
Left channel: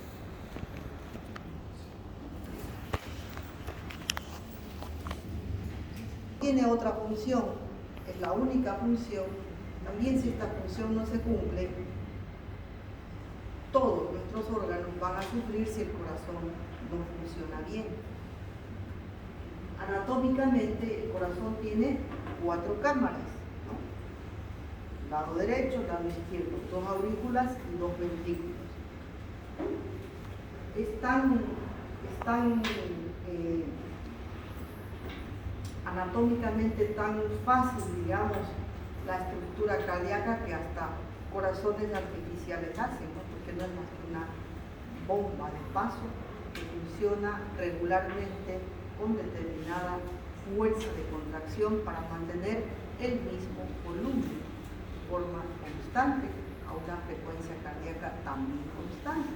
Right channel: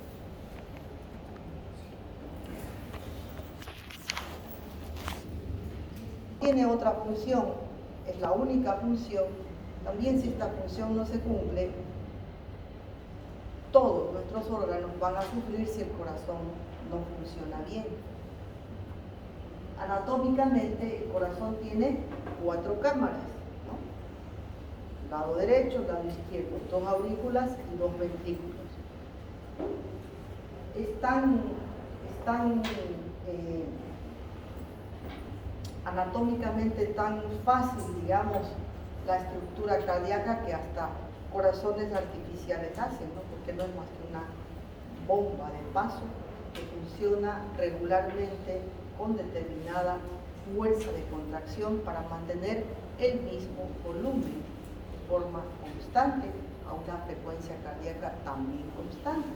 Tiene otra función, es la única función. También si esta función no se cumple, todos nuestros órganos van a sufrir si el corazón no funciona bien. Anatómicamente el corazón tiene 4 cámaras, ¿no? Lado derecho, lado izquierdo, 2 aurículas y 2 ventrículos. Es tan anatómicamente tan fácil, digamos, la estructura cardíaca que hasta corazones artificiales hacen, ¿no? Porque no es más que una bomba de paso que funciona regularmente con determinada fuerza de contracción para mantener el mismo volumen de forma constante a una frecuencia cardíaca también constante.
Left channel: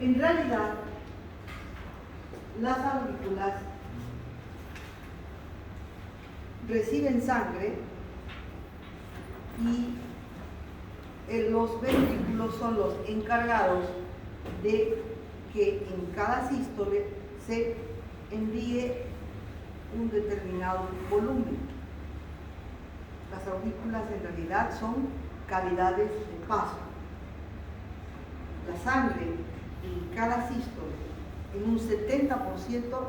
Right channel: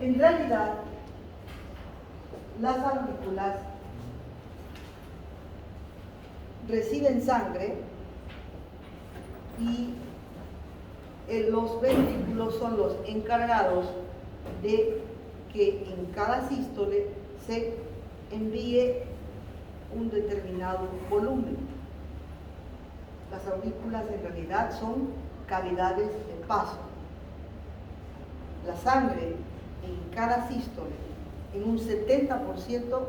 En realidad, las aurículas reciben sangre y los ventrículos son los encargados de que en cada sístole se envíe un determinado volumen. Las aurículas en realidad son cavidades de paso. La sangre en cada sístole, en un 70%,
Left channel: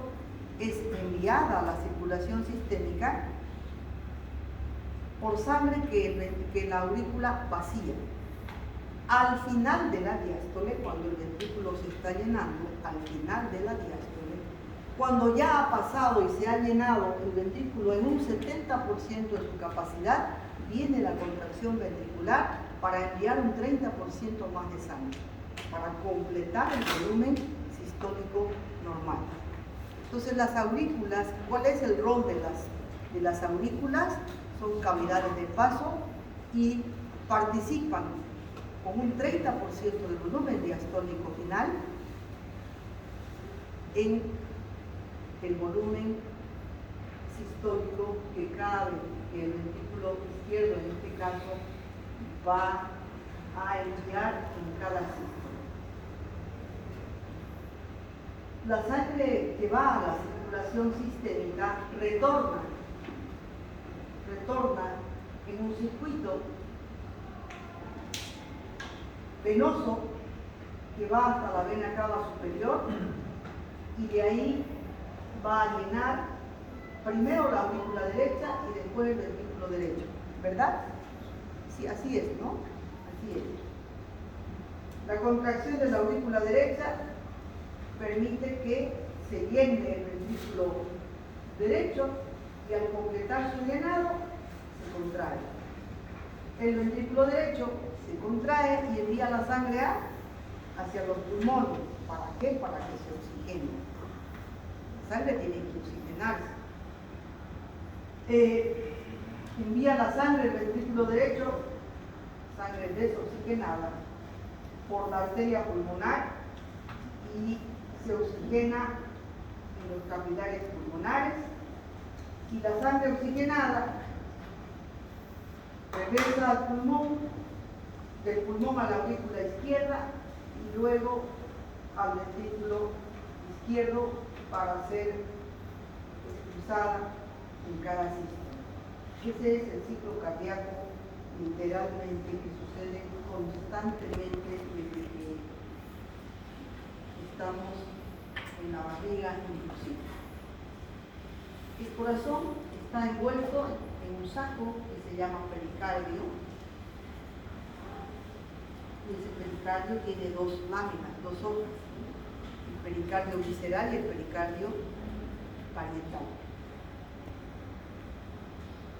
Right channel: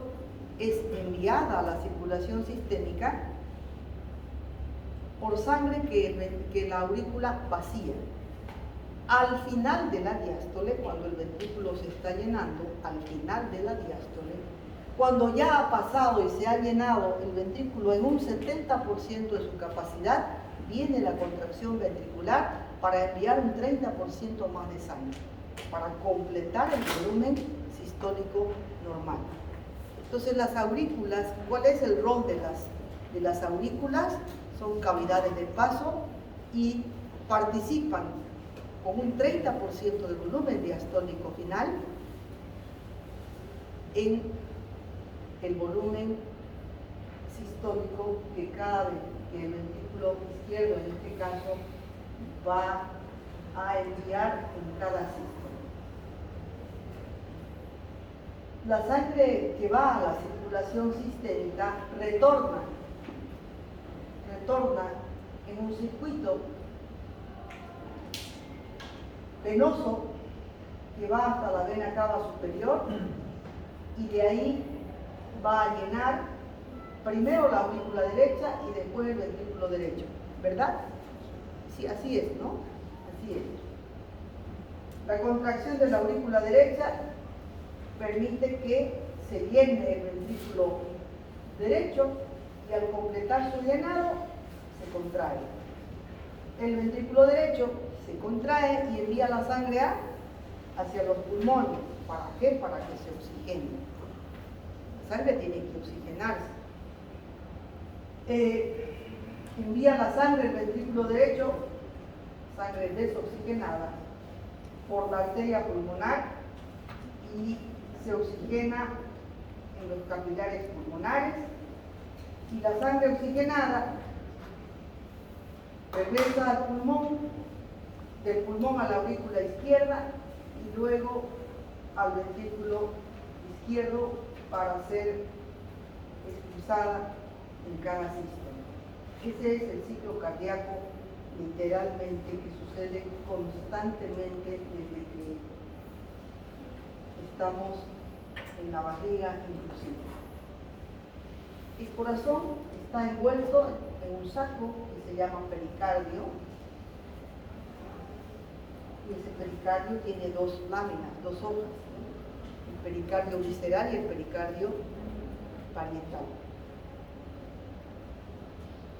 es enviada a la circulación sistémica por sangre que la aurícula vacía. Al final de la diástole, cuando el ventrículo se está llenando, al final de la diástole, cuando ya ha pasado y se ha llenado el ventrículo en un 70% de su capacidad, viene la contracción ventricular para enviar un 30% más de sangre, para completar el volumen sistólico normal. Entonces las aurículas, ¿cuál es el rol de las aurículas? Son cavidades de paso y participan con un 30% del volumen diastólico final en el volumen sistólico que cada vez que el ventrículo izquierdo, en este caso, va a enviar en cada sístole. La sangre que va a la circulación sistémica retorna en un circuito venoso que va hasta la vena cava superior y de ahí va a llenar primero la aurícula derecha y después el ventrículo derecho, ¿verdad? Sí, así es, ¿no? Así es. La contracción de la aurícula derecha permite que se llene el ventrículo derecho y al completar su llenado se contrae. El ventrículo derecho se contrae y envía la sangre hacia los pulmones. ¿Para qué? Para que se oxigene. La sangre tiene que oxigenarse. Envía la sangre del ventrículo derecho, sangre desoxigenada, por la arteria pulmonar y se oxigena en los capilares pulmonares, y la sangre oxigenada regresa al pulmón, del pulmón a la aurícula izquierda y luego al ventrículo izquierdo para ser expulsada en cada sistema. Ese es el ciclo cardíaco literalmente que sucede constantemente desde que estamos en la barriga inclusive. El corazón está envuelto en un saco que se llama pericardio, y ese pericardio tiene dos láminas, dos hojas, el pericardio visceral y el pericardio parietal.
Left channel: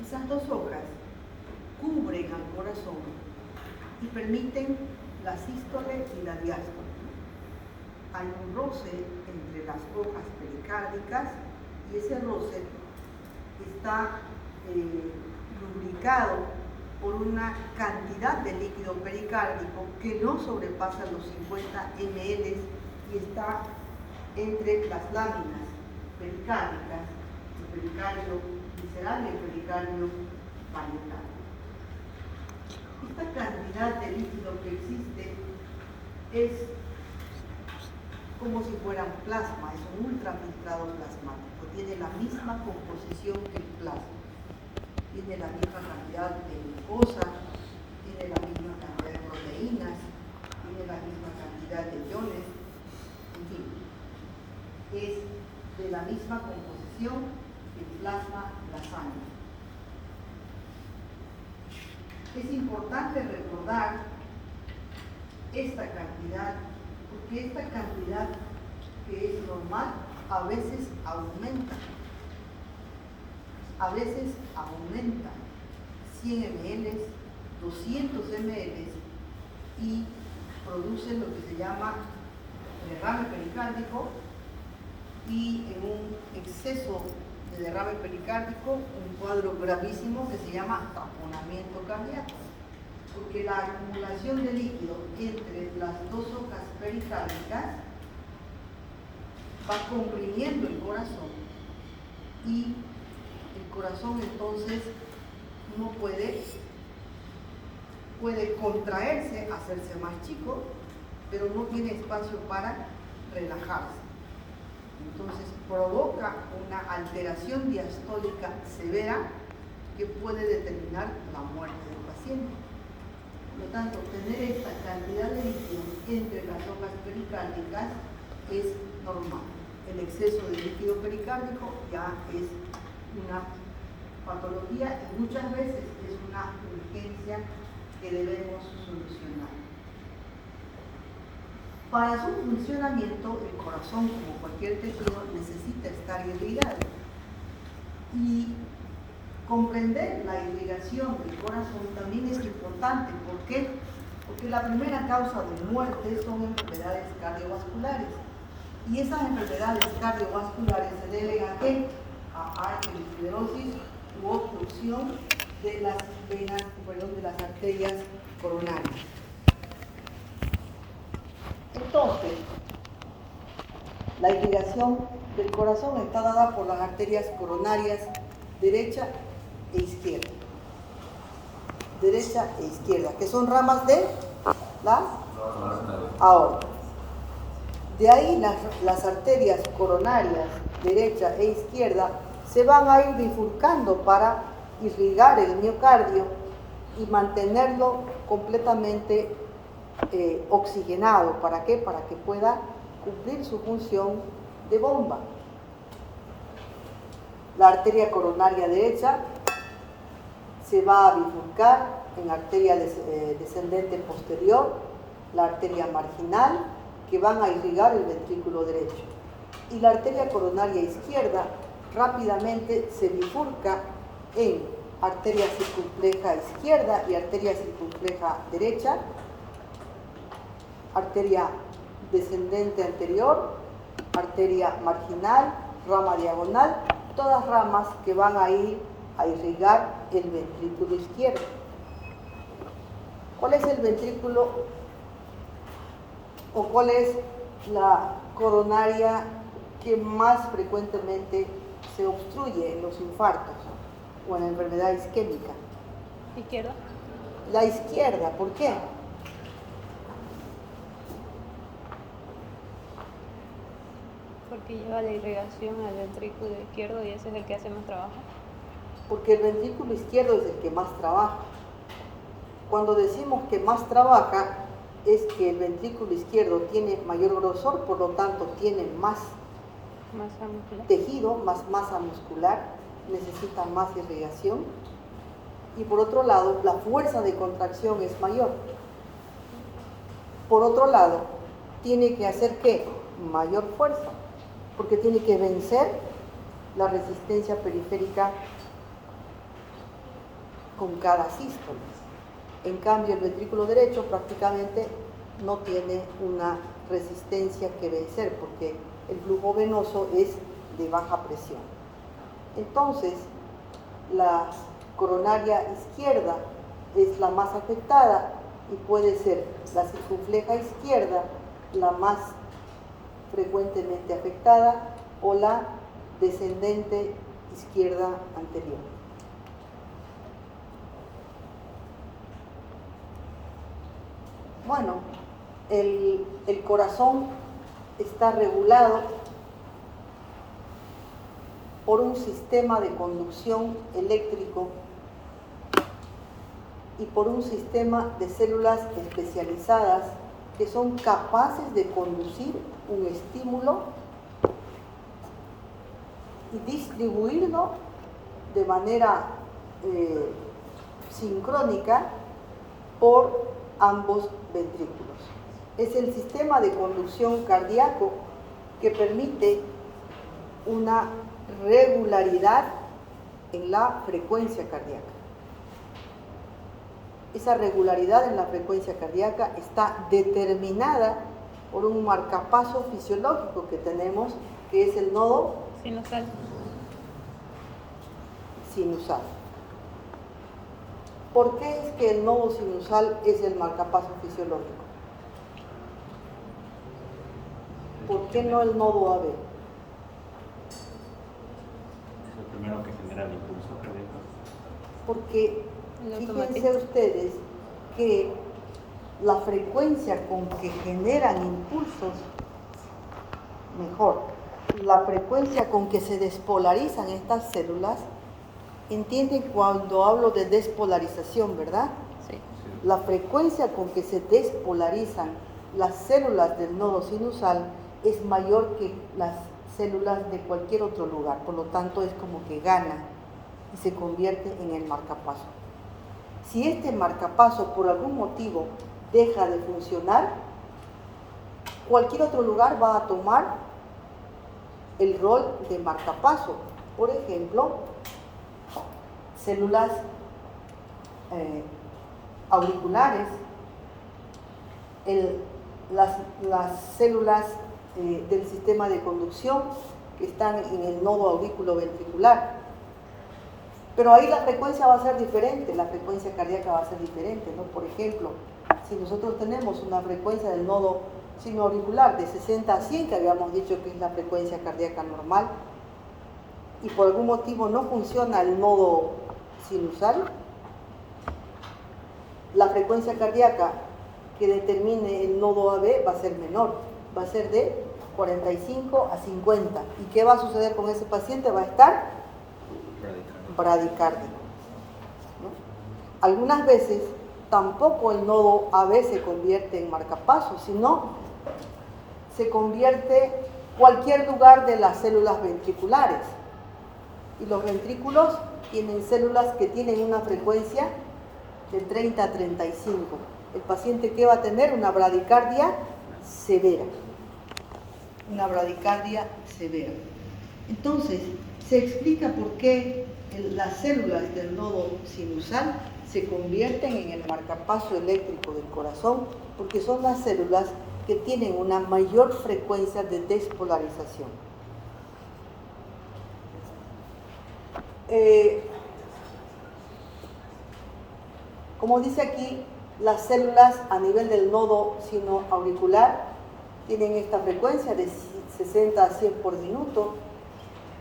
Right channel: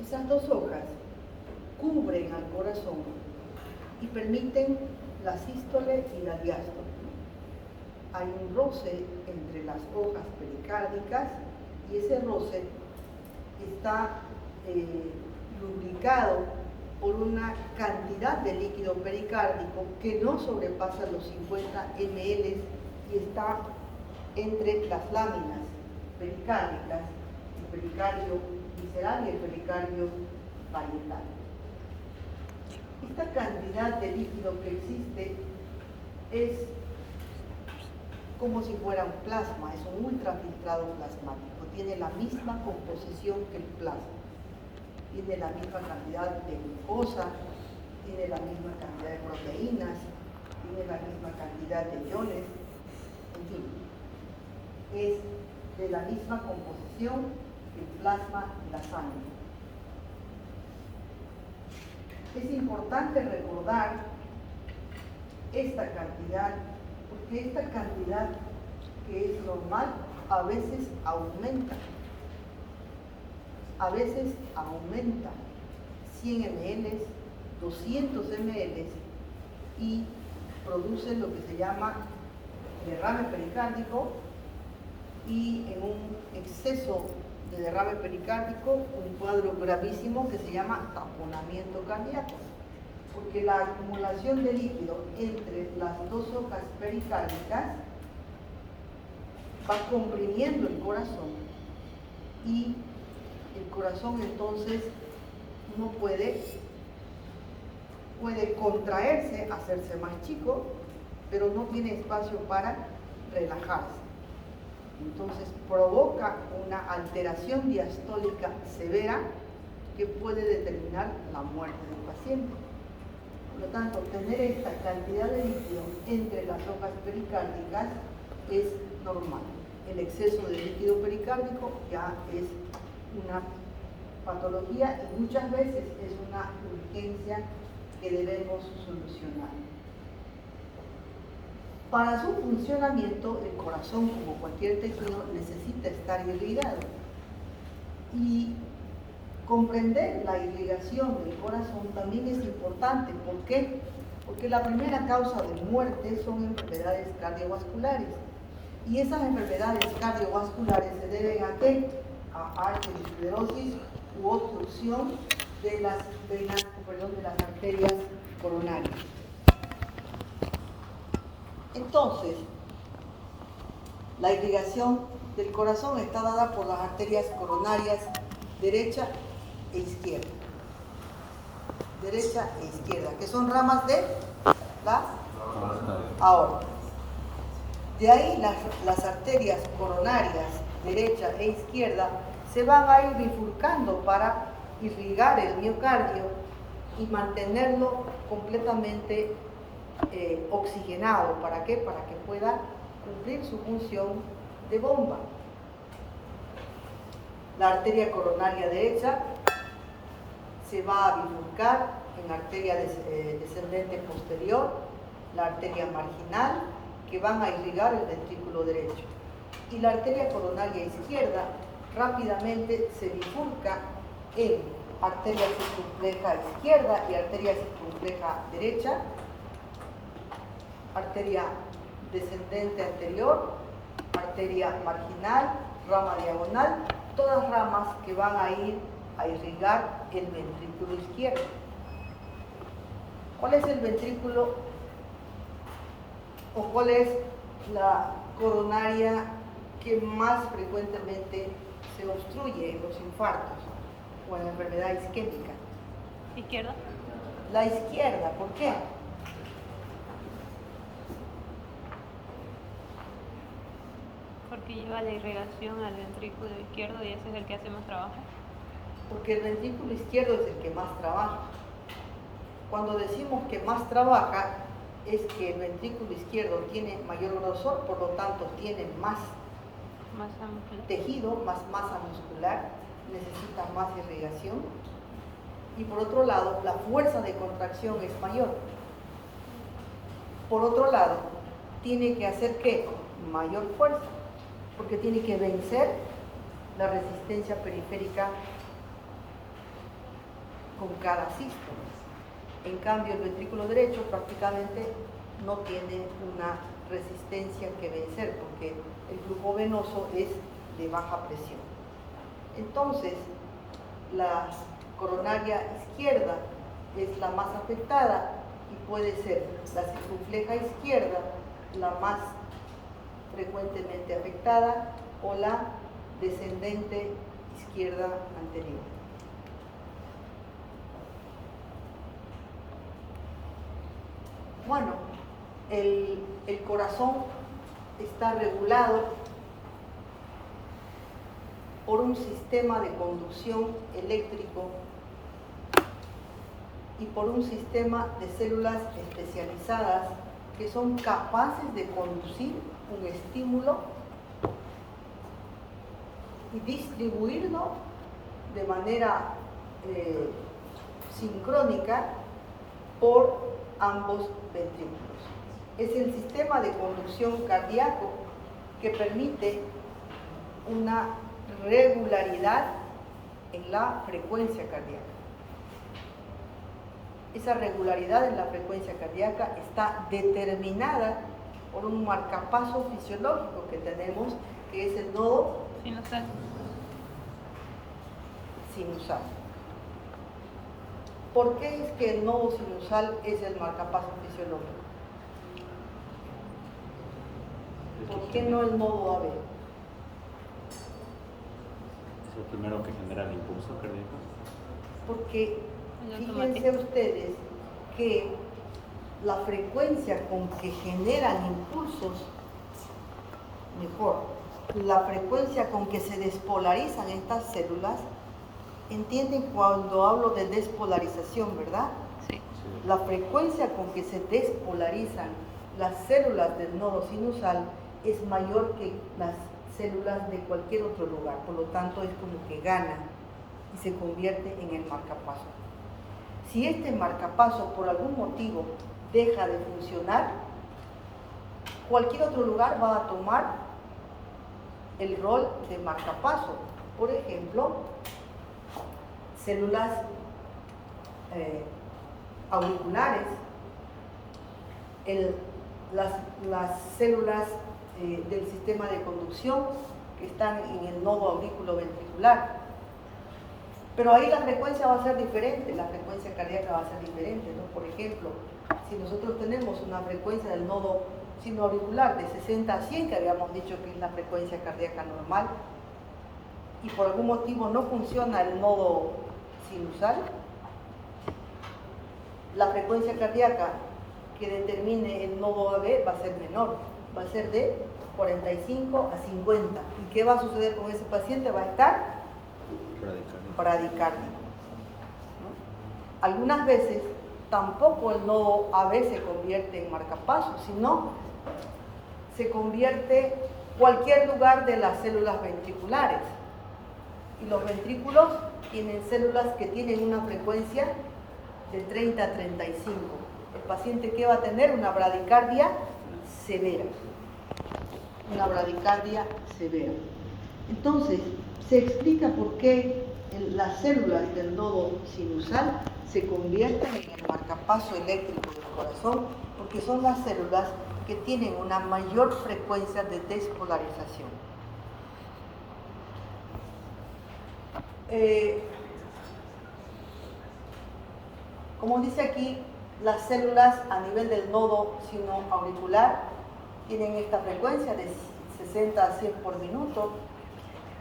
Esas dos hojas cubren al corazón y permiten la sístole y la diástole. Hay un roce entre las hojas pericárdicas y ese roce está lubricado por una cantidad de líquido pericárdico que no sobrepasa los 50 ml y está entre las láminas pericárdicas, el pericardio visceral y el pericardio parietal. Esta cantidad de líquido que existe es como si fuera un plasma, es un ultrafiltrado plasmático, tiene la misma composición que el plasma, tiene la misma cantidad de glucosa, tiene la misma cantidad de proteínas, tiene la misma cantidad de iones, en fin, es de la misma composición que el plasma y la sangre. Es importante recordar esta cantidad, porque esta cantidad que es normal a veces aumenta. A veces aumenta 100 ml, 200 ml y produce lo que se llama derrame pericárdico, y en un exceso de derrame pericárdico un cuadro gravísimo que se llama taponamiento cardíaco, porque la acumulación de líquido entre las dos hojas pericárdicas va comprimiendo el corazón y el corazón entonces no puede contraerse, hacerse más chico, pero no tiene espacio para relajarse. Entonces provoca una alteración diastólica severa que puede determinar la muerte del paciente. Por lo tanto, tener esta cantidad de líquido entre las hojas pericárdicas es normal. El exceso de líquido pericárdico ya es una patología y muchas veces es una urgencia que debemos solucionar. Para su funcionamiento, el corazón, como cualquier tejido, necesita estar irrigado. Y comprender la irrigación del corazón también es importante. ¿Por qué? Porque la primera causa de muerte son enfermedades cardiovasculares. Y esas enfermedades cardiovasculares se deben ¿a qué? A arteriosclerosis u obstrucción de las venas, de las arterias coronarias. Entonces, la irrigación del corazón está dada por las arterias coronarias derecha e izquierda. Derecha e izquierda, que son ramas de la aorta. De ahí las arterias coronarias derecha e izquierda se van a ir bifurcando para irrigar el miocardio y mantenerlo completamente oxigenado. ¿Para qué? Para que pueda cumplir su función de bomba. La arteria coronaria derecha se va a bifurcar en arteria descendente posterior, la arteria marginal, que van a irrigar el ventrículo derecho. Y la arteria coronaria izquierda rápidamente se bifurca en arteria circunfleja izquierda y arteria circunfleja derecha, arteria descendente anterior, arteria marginal, rama diagonal, todas ramas que van a ir a irrigar el ventrículo izquierdo. ¿Cuál es el ventrículo o cuál es la coronaria que más frecuentemente se obstruye en los infartos o en la enfermedad isquémica? ¿Izquierda? La izquierda, ¿por qué? Porque lleva la irrigación al ventrículo izquierdo y ese es el que hace más trabajo. Porque el ventrículo izquierdo es el que más trabaja. Cuando decimos que más trabaja, es que el ventrículo izquierdo tiene mayor grosor, por lo tanto tiene más Masa muscular. tejido, más masa muscular, necesita más irrigación. Y por otro lado, la fuerza de contracción es mayor. Por otro lado, tiene que hacer ¿qué? Mayor fuerza, porque tiene que vencer la resistencia periférica con cada sístole. En cambio, el ventrículo derecho prácticamente no tiene una resistencia que vencer, porque el flujo venoso es de baja presión. Entonces, la coronaria izquierda es la más afectada y puede ser la circunfleja izquierda la más frecuentemente afectada o la descendente izquierda anterior. Bueno, el corazón está regulado por un sistema de conducción eléctrico y por un sistema de células especializadas que son capaces de conducir un estímulo y distribuirlo de manera sincrónica por ambos ventrículos. Es el sistema de conducción cardíaco que permite una regularidad en la frecuencia cardíaca. Esa regularidad en la frecuencia cardíaca está determinada por un marcapaso fisiológico que tenemos, que es el nodo Sinusal. sinusal. ¿Por qué es que el nodo sinusal es el marcapaso fisiológico? ¿Por qué no el nodo AB? Es lo primero que genera el impulso cardíaco. Porque El fíjense automatismo. ustedes que la frecuencia con que generan impulsos, mejor, la frecuencia con que se despolarizan estas células, entienden cuando hablo de despolarización, ¿verdad? Sí. La frecuencia con que se despolarizan las células del nodo sinusal es mayor que las células de cualquier otro lugar, por lo tanto es como que gana y se convierte en el marcapaso. Si este marcapaso por algún motivo deja de funcionar, cualquier otro lugar va a tomar el rol de marcapaso. Por ejemplo, células auriculares, las células del sistema de conducción que están en el nodo aurículo-ventricular. Pero ahí la frecuencia va a ser diferente, la frecuencia cardíaca va a ser diferente, ¿no? Por ejemplo, si nosotros tenemos una frecuencia del nodo sinoauricular de 60 a 100, que habíamos dicho que es la frecuencia cardíaca normal, y por algún motivo no funciona el nodo sinusal, la frecuencia cardíaca que determine el nodo AB va a ser menor, va a ser de 45 a 50. ¿Y qué va a suceder con ese paciente? Va a estar bradicárdico. Algunas veces tampoco el nodo AB se convierte en marcapaso, sino se convierte cualquier lugar de las células ventriculares. Y los ventrículos tienen células que tienen una frecuencia de 30 a 35. El paciente que va a tener una bradicardia severa. Una bradicardia severa. Entonces, se explica por qué las células del nodo sinusal se convierten en el marcapaso eléctrico del corazón, porque son las células que tienen una mayor frecuencia de despolarización. Como dice aquí, las células a nivel del nodo sinoauricular tienen esta frecuencia de 60 a 100 por minuto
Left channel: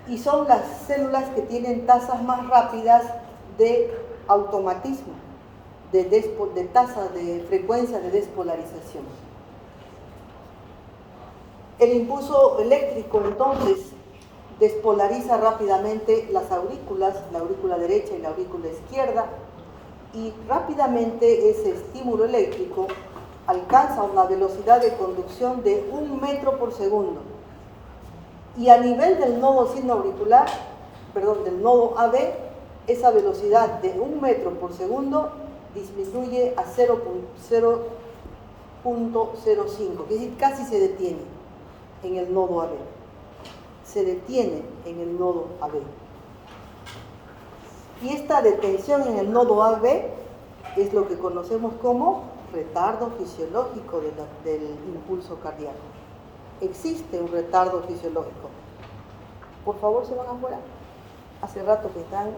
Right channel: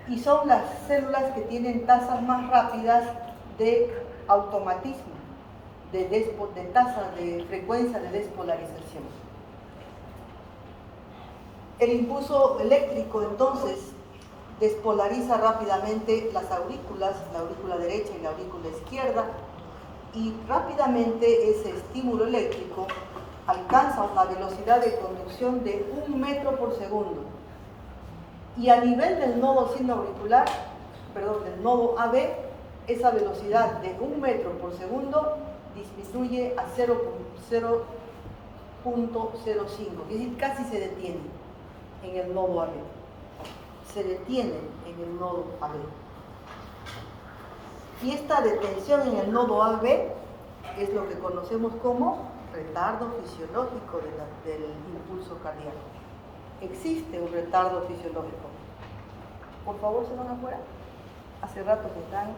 y son las células que tienen tasas más rápidas de automatismo, de tasa de frecuencia de despolarización. El impulso eléctrico entonces despolariza rápidamente las aurículas, la aurícula derecha y la aurícula izquierda, y rápidamente ese estímulo eléctrico alcanza una velocidad de conducción de 1 metro por segundo. Y a nivel del nodo sinoauricular, del nodo AB, esa velocidad de 1 metro por segundo disminuye a 0.05, es decir, casi se detiene en el nodo AB. Se detiene en el nodo AB. Y esta detención en el nodo AB es lo que conocemos como retardo fisiológico del impulso cardíaco. Existe un retardo fisiológico. Por favor, se van afuera. Hace rato que están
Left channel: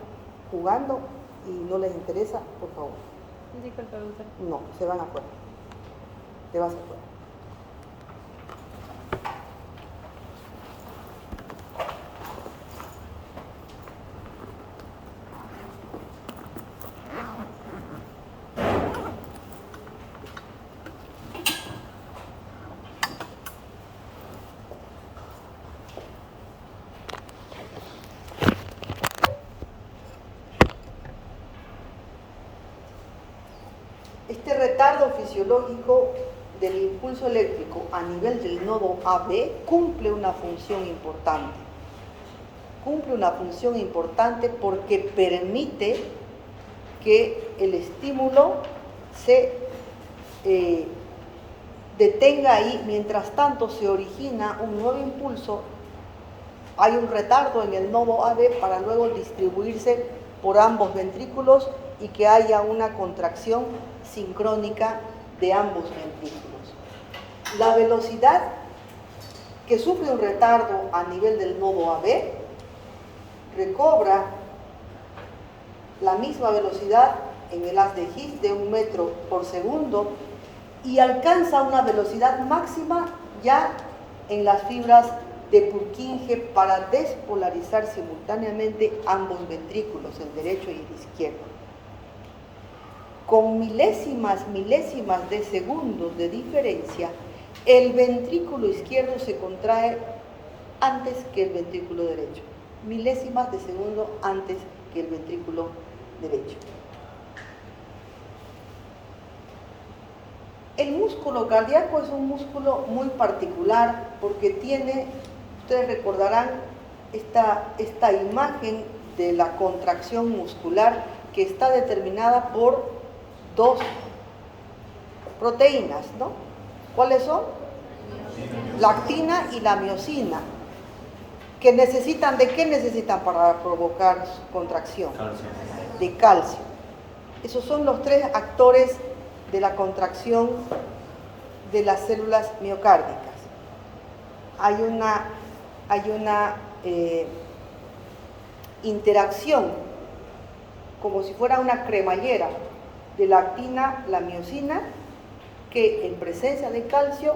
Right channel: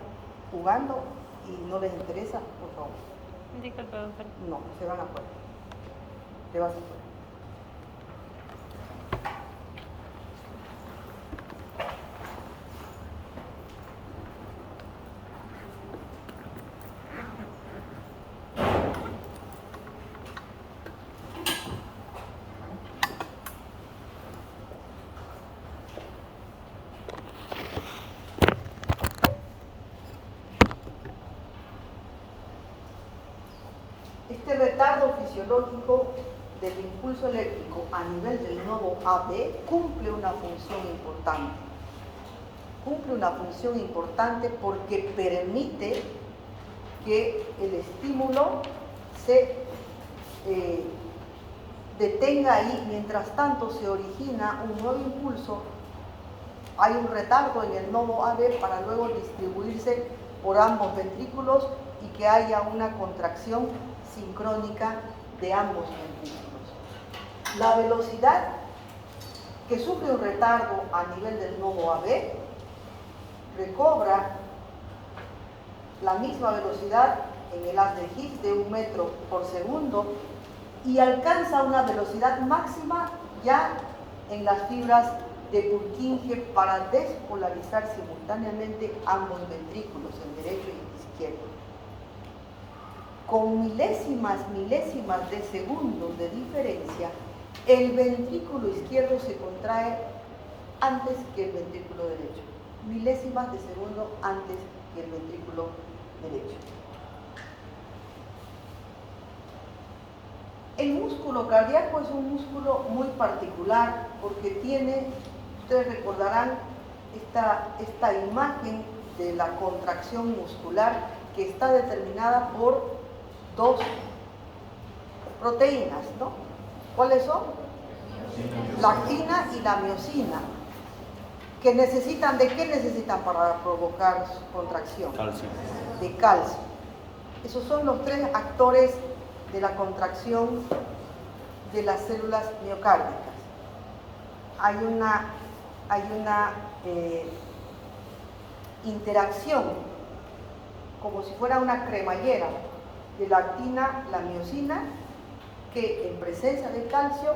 jugando y no les interesa, por favor. Disculpe, doctor. No, se van afuera. Te vas afuera. Este retardo fisiológico del impulso eléctrico a nivel del nodo AB cumple una función importante. Cumple una función importante porque permite que el estímulo se detenga ahí. Mientras tanto se origina un nuevo impulso, hay un retardo en el nodo AB para luego distribuirse por ambos ventrículos y que haya una contracción sincrónica de ambos ventrículos. La velocidad que sufre un retardo a nivel del nodo AB recobra la misma velocidad en el haz de Higgs de 1 metro por segundo y alcanza una velocidad máxima ya en las fibras de Purkinje para despolarizar simultáneamente ambos ventrículos, el derecho y el izquierdo. Con milésimas de segundos de diferencia, el ventrículo izquierdo se contrae antes que el ventrículo derecho. Milésimas de segundo antes que el ventrículo derecho. El músculo cardíaco es un músculo muy particular porque tiene, ustedes recordarán esta imagen de la contracción muscular que está determinada por dos proteínas, ¿no? ¿Cuáles son? La actina y la miosina. ¿Que necesitan, de qué necesitan para provocar contracción? Calcio. De calcio. Esos son los tres actores de la contracción de las células miocárdicas. Hay una interacción, como si fuera una cremallera, de la actina, la miosina, que en presencia de calcio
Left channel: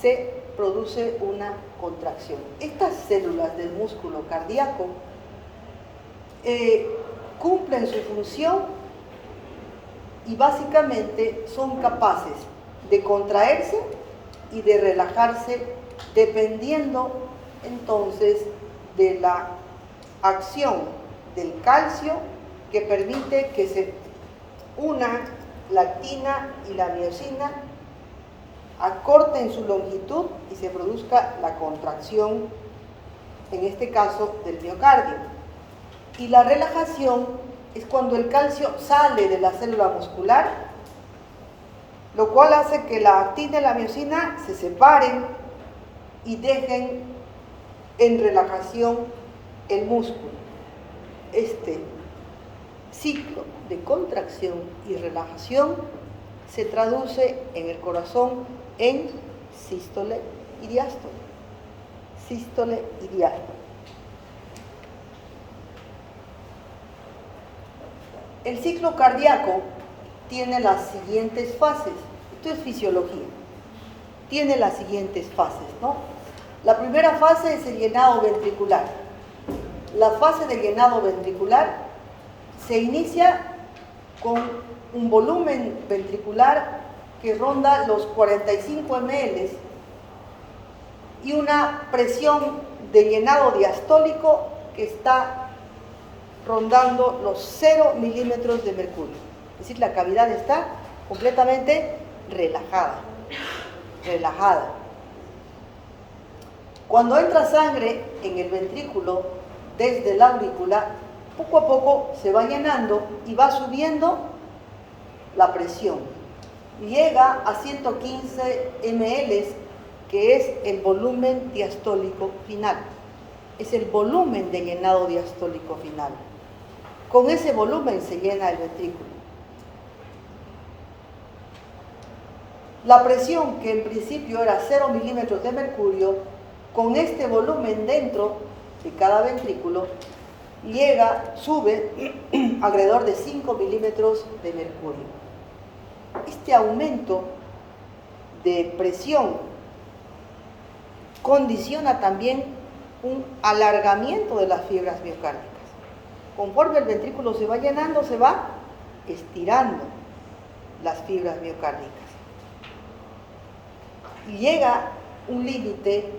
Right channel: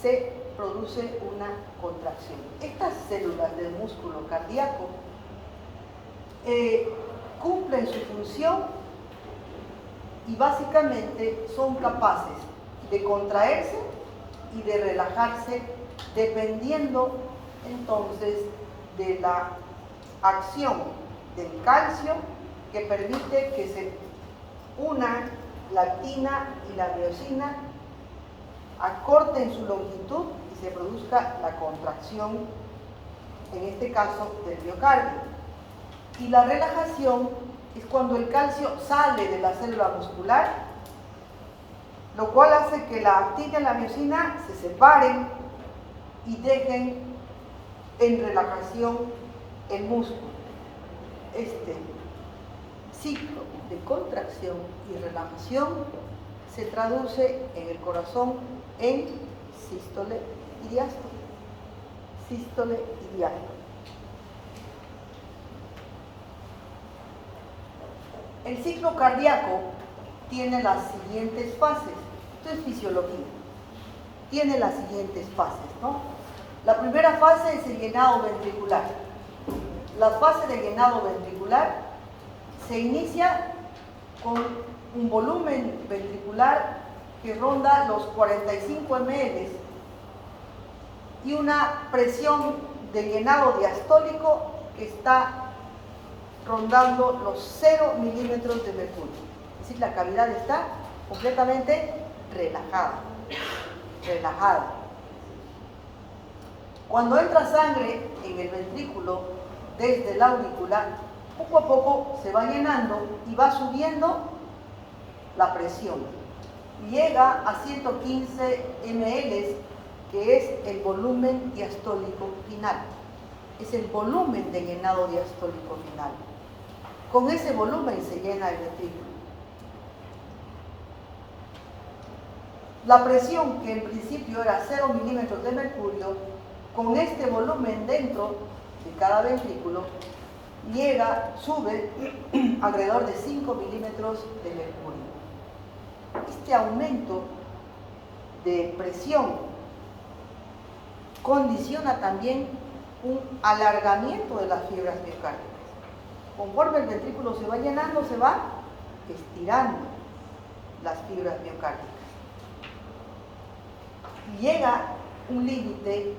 se produce una contracción. Estas células del músculo cardíaco cumplen su función y básicamente son capaces de contraerse y de relajarse dependiendo entonces de la acción del calcio, que permite que se una la actina y la miosina, acorten su longitud y se produzca la contracción, en este caso del miocardio. Y la relajación es cuando el calcio sale de la célula muscular, lo cual hace que la actina y la miosina se separen y dejen en relajación el músculo. Este ciclo de contracción y relajación se traduce en el corazón en sístole y diástole. Sístole y diástole. El ciclo cardíaco tiene las siguientes fases. Esto es fisiología. Tiene las siguientes fases, ¿no? La primera fase es el llenado ventricular. La fase de llenado ventricular se inicia con un volumen ventricular que ronda los 45 ml y una presión de llenado diastólico que está rondando los 0 milímetros de mercurio. Es decir, la cavidad está completamente relajada. Cuando entra sangre en el ventrículo desde la aurícula, poco a poco se va llenando y va subiendo la presión. Llega a 115 ml, que es el volumen diastólico final. Es el volumen de llenado diastólico final. Con ese volumen se llena el ventrículo. La presión, que en principio era 0 milímetros de mercurio, con este volumen dentro de cada ventrículo, sube alrededor de 5 milímetros de mercurio. Este aumento de presión condiciona también un alargamiento de las fibras miocárdicas. Conforme el ventrículo se va llenando, se va estirando las fibras miocárdicas. Y llega un límite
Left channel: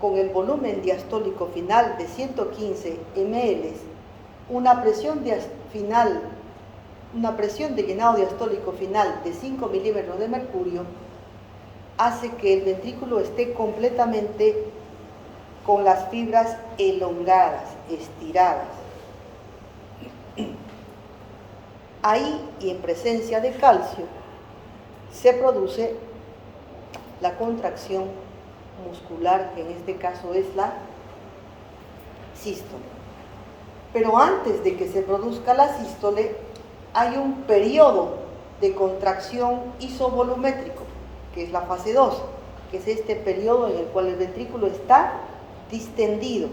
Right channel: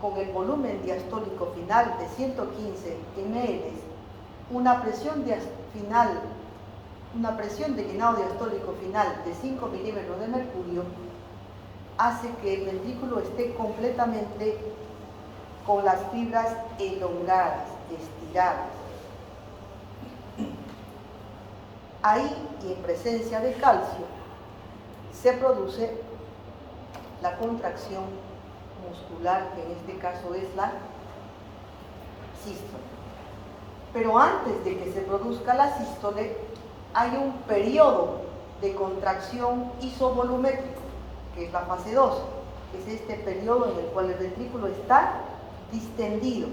con el volumen diastólico final de 115 ml, una presión de llenado diastólico final de 5 milímetros de mercurio, hace que el ventrículo esté completamente con las fibras elongadas, estiradas. Ahí, y en presencia de calcio, se produce la contracción muscular, que en este caso es la sístole. Pero antes de que se produzca la sístole, hay un periodo de contracción isovolumétrico, que es la fase 2, que es este periodo en el cual el ventrículo está distendido.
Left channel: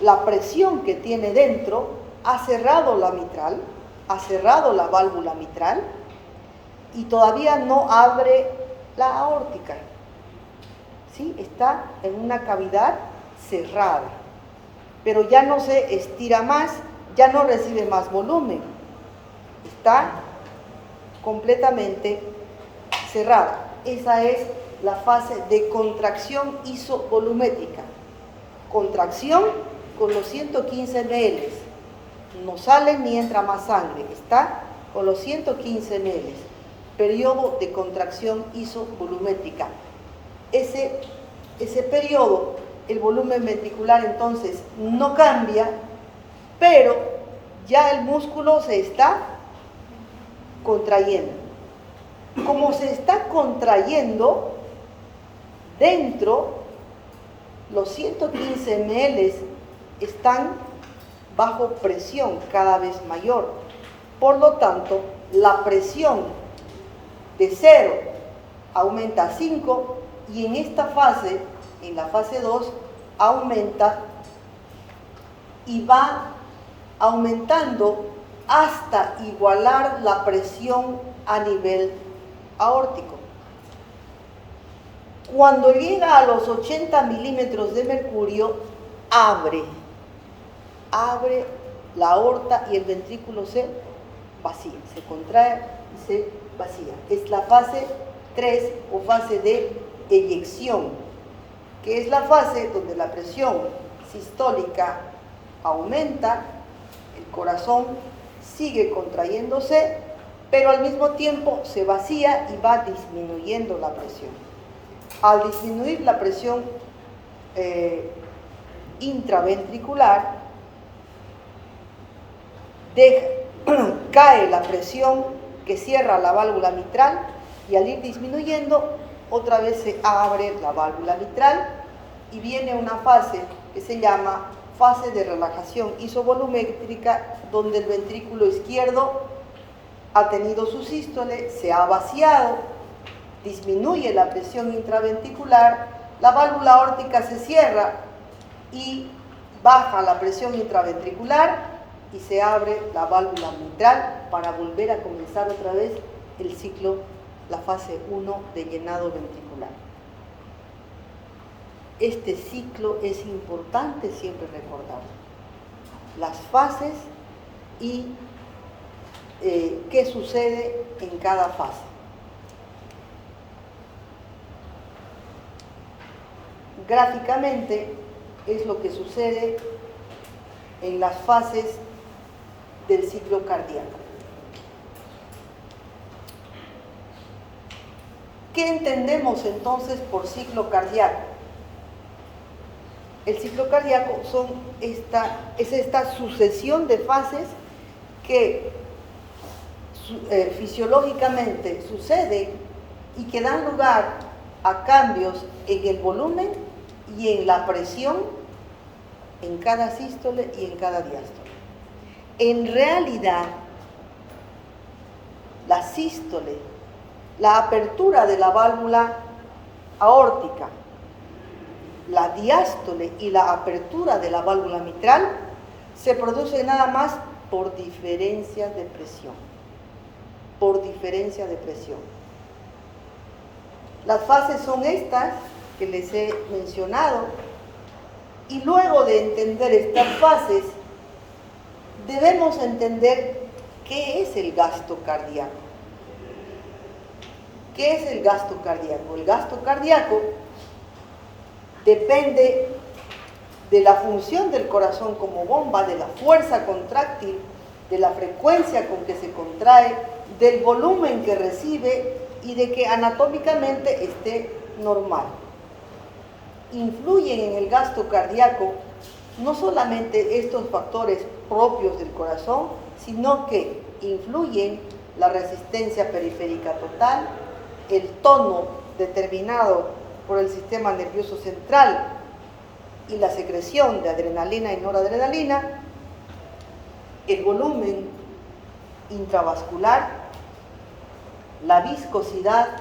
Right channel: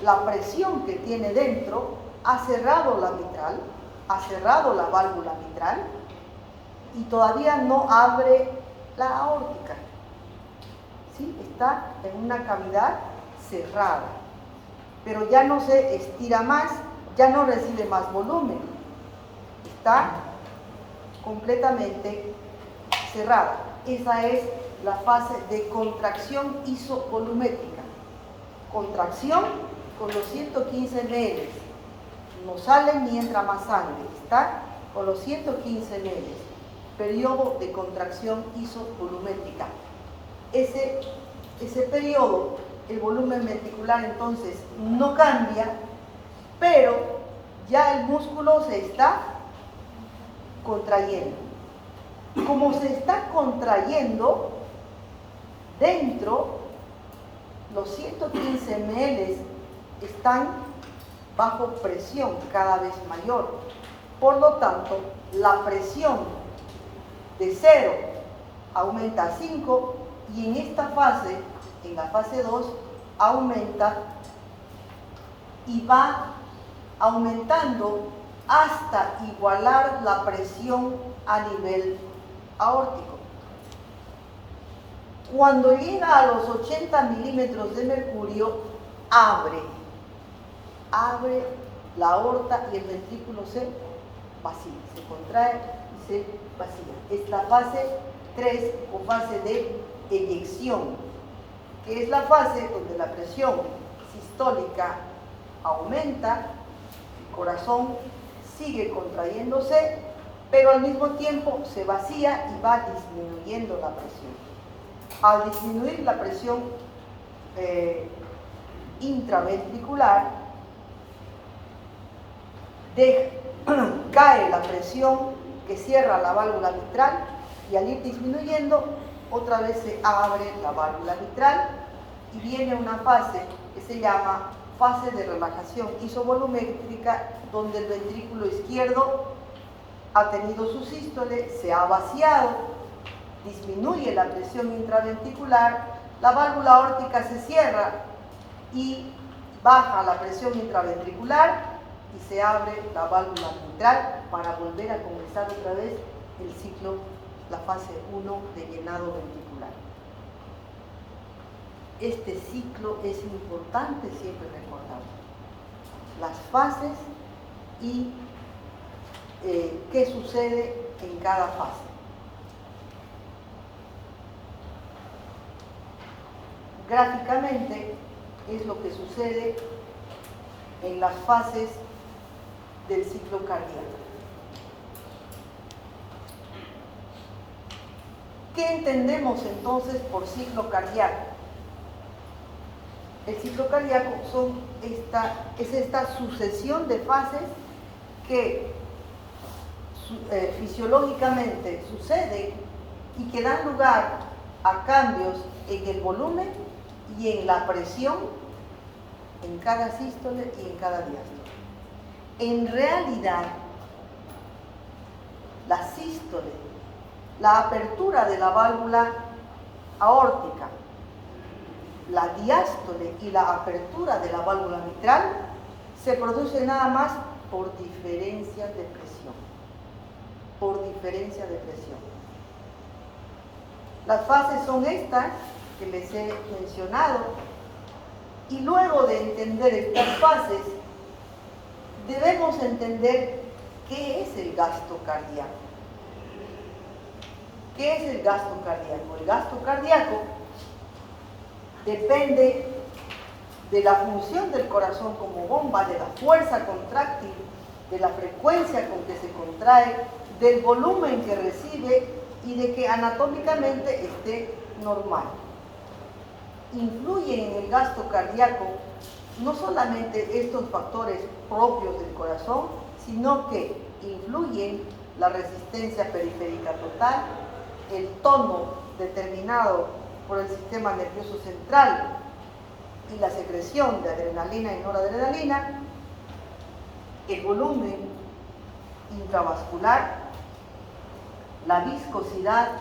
La presión que tiene dentro ha cerrado la mitral, ha cerrado la válvula mitral y todavía no abre la aórtica. ¿Sí? Está en una cavidad cerrada, pero ya no se estira más, ya no recibe más volumen, está completamente cerrada. Esa es la fase de contracción isovolumétrica. Contracción con los 115 ml, no sale ni entra más sangre, está con los 115 ml, periodo de contracción isovolumétrica. Ese periodo, el volumen ventricular entonces no cambia, pero ya el músculo se está contrayendo. Como se está contrayendo, dentro los 115 ml están bajo presión cada vez mayor. Por lo tanto, la presión de 0 aumenta a 5 y en esta fase, en la fase 2, aumenta y va aumentando hasta igualar la presión a nivel aórtico. Cuando llega a los 80 milímetros de mercurio, abre la aorta y el ventrículo se vacía, se contrae y se vacía. Es la fase 3 o fase de eyección, que es la fase donde la presión sistólica aumenta, el corazón sigue contrayéndose, pero al mismo tiempo se vacía y va disminuyendo la presión. Al disminuir la presión intraventricular, cae la presión que cierra la válvula mitral y al ir disminuyendo, otra vez se abre la válvula mitral y viene una fase que se llama fase de relajación isovolumétrica, donde el ventrículo izquierdo ha tenido su sístole, se ha vaciado, disminuye la presión intraventricular, la válvula aórtica se cierra y baja la presión intraventricular y se abre la válvula mitral para volver a comenzar otra vez el ciclo, la fase 1 de llenado ventricular. Este ciclo es importante siempre recordar las fases y qué sucede en cada fase. Gráficamente es lo que sucede en las fases del ciclo cardíaco. ¿Qué entendemos entonces por ciclo cardíaco? El ciclo cardíaco es esta sucesión de fases que fisiológicamente suceden y que dan lugar a cambios en el volumen y en la presión en cada sístole y en cada diástole. En realidad, la sístole, la apertura de la válvula aórtica, la diástole y la apertura de la válvula mitral se produce nada más por diferencia de presión. Por diferencia de presión. Las fases son estas que les he mencionado, y luego de entender estas fases, debemos entender qué es el gasto cardíaco. ¿Qué es el gasto cardíaco? El gasto cardíaco depende de la función del corazón como bomba, de la fuerza contráctil, de la frecuencia con que se contrae, del volumen que recibe y de que anatómicamente esté normal. Influyen en el gasto cardíaco no solamente estos factores propios del corazón, sino que influyen la resistencia periférica total, el tono determinado por el sistema nervioso central y la secreción de adrenalina y noradrenalina, el volumen intravascular, la viscosidad,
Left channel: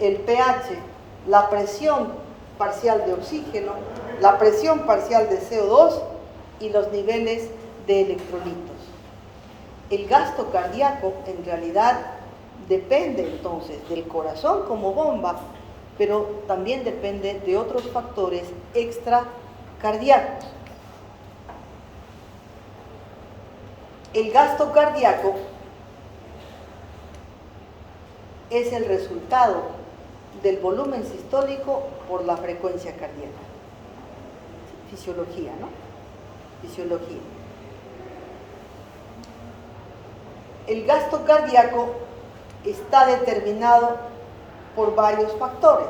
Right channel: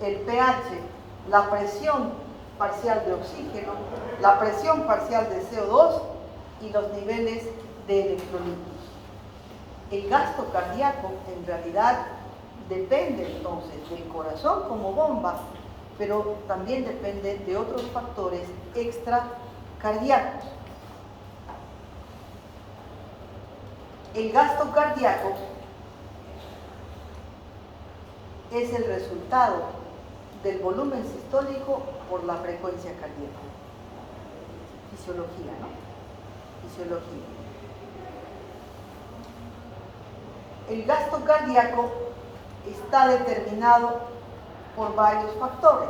el pH, la presión parcial de oxígeno, la presión parcial de CO2 y los niveles de electrolitos. El gasto cardíaco en realidad depende entonces del corazón como bomba, pero también depende de otros factores extracardíacos. El gasto cardíaco es el resultado del volumen sistólico por la frecuencia cardíaca. Fisiología, ¿no? Fisiología. El gasto cardíaco está determinado por varios factores.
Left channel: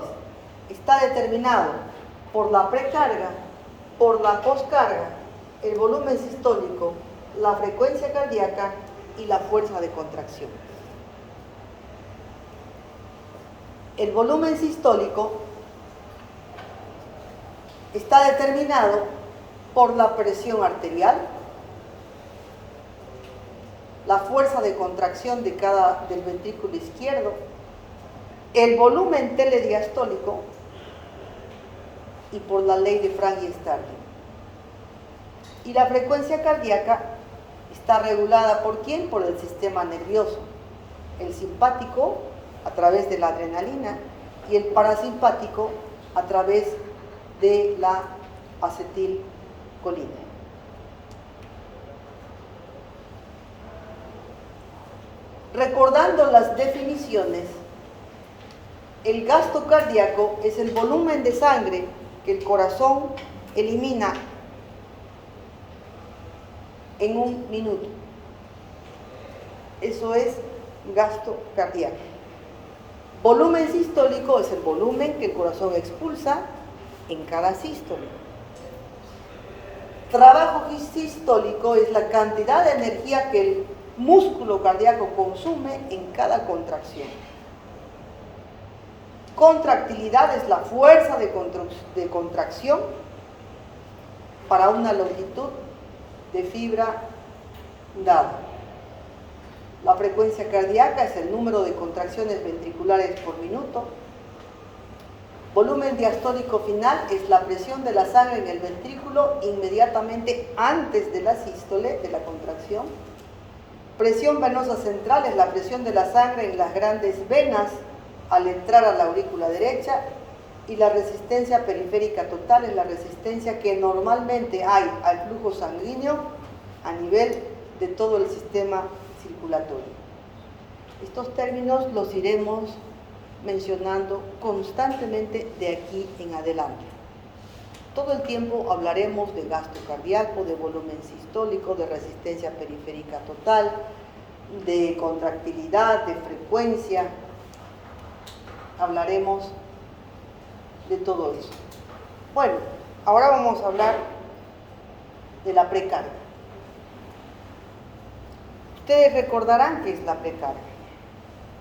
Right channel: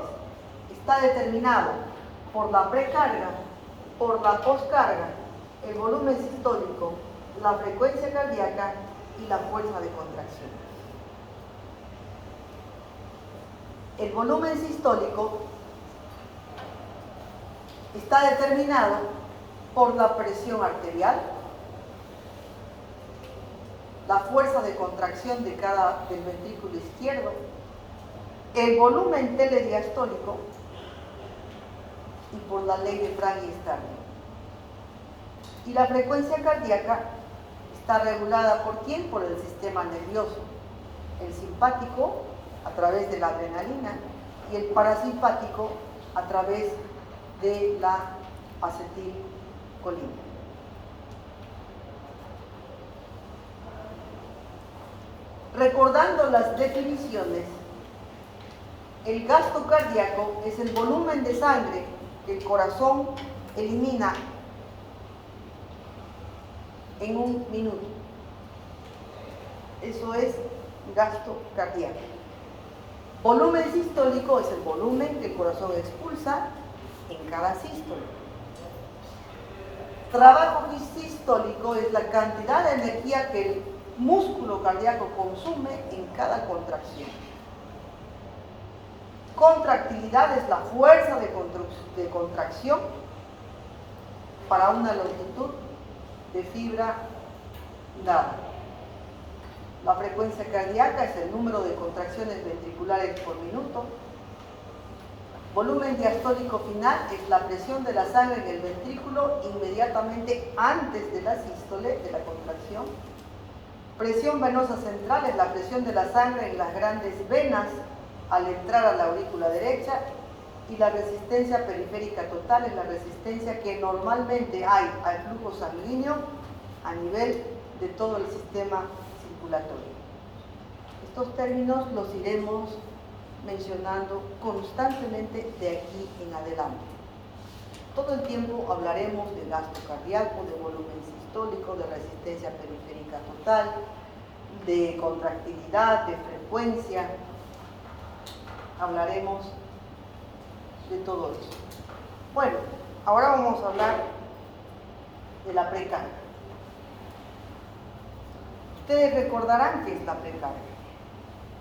Está determinado por la precarga, por la poscarga, el volumen sistólico la frecuencia cardíaca y la fuerza de contracción. El volumen sistólico está determinado por la presión arterial, la fuerza de contracción del ventrículo izquierdo, el volumen telediastólico y por la ley de Frank y Starling. Y la frecuencia cardíaca está regulada ¿por quién? Por el sistema nervioso, el simpático a través de la adrenalina y el parasimpático a través de la acetilcolina. Recordando las definiciones, el gasto cardíaco es el volumen de sangre que el corazón elimina en un minuto. Eso es gasto cardíaco. Volumen sistólico es el volumen que el corazón expulsa en cada sístole. Trabajo sistólico es la cantidad de energía que el músculo cardíaco consume en cada contracción. Contractilidad es la fuerza de contracción para una longitud de fibra dada. La frecuencia cardíaca es el número de contracciones ventriculares por minuto. Volumen diastólico final es la presión de la sangre en el ventrículo inmediatamente antes de la sístole, de la contracción. Presión venosa central es la presión de la sangre en las grandes venas al entrar a la aurícula derecha, y la resistencia periférica total es la resistencia que normalmente hay al flujo sanguíneo a nivel de todo el sistema circulatorio. Estos términos los iremos mencionando constantemente de aquí en adelante. Todo el tiempo hablaremos de gasto cardíaco, de volumen sistólico, de resistencia periférica total, de contractilidad, de frecuencia. Hablaremos de todo eso. Bueno, ahora vamos a hablar de la precarga. Ustedes recordarán qué es la precarga.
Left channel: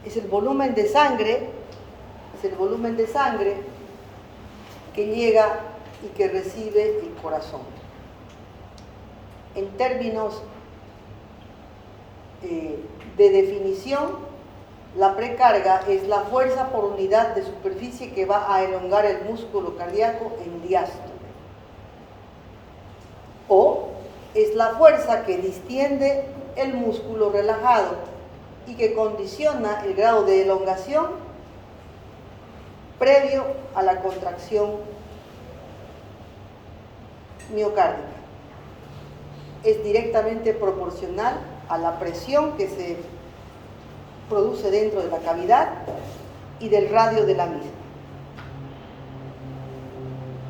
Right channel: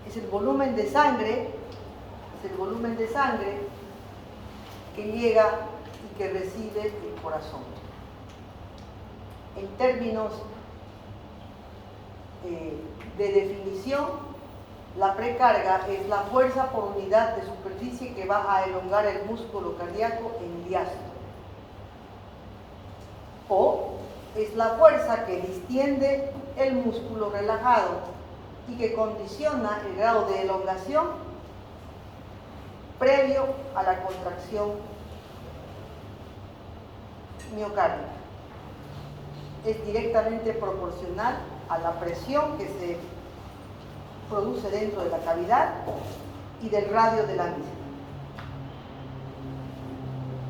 Es el volumen de sangre, que llega y que recibe el corazón. En términos de definición, la precarga es la fuerza por unidad de superficie que va a elongar el músculo cardíaco en diástole. O es la fuerza que distiende el músculo relajado y que condiciona el grado de elongación previo a la contracción miocárdica. Es directamente proporcional a la presión que se produce dentro de la cavidad y del radio de la misma.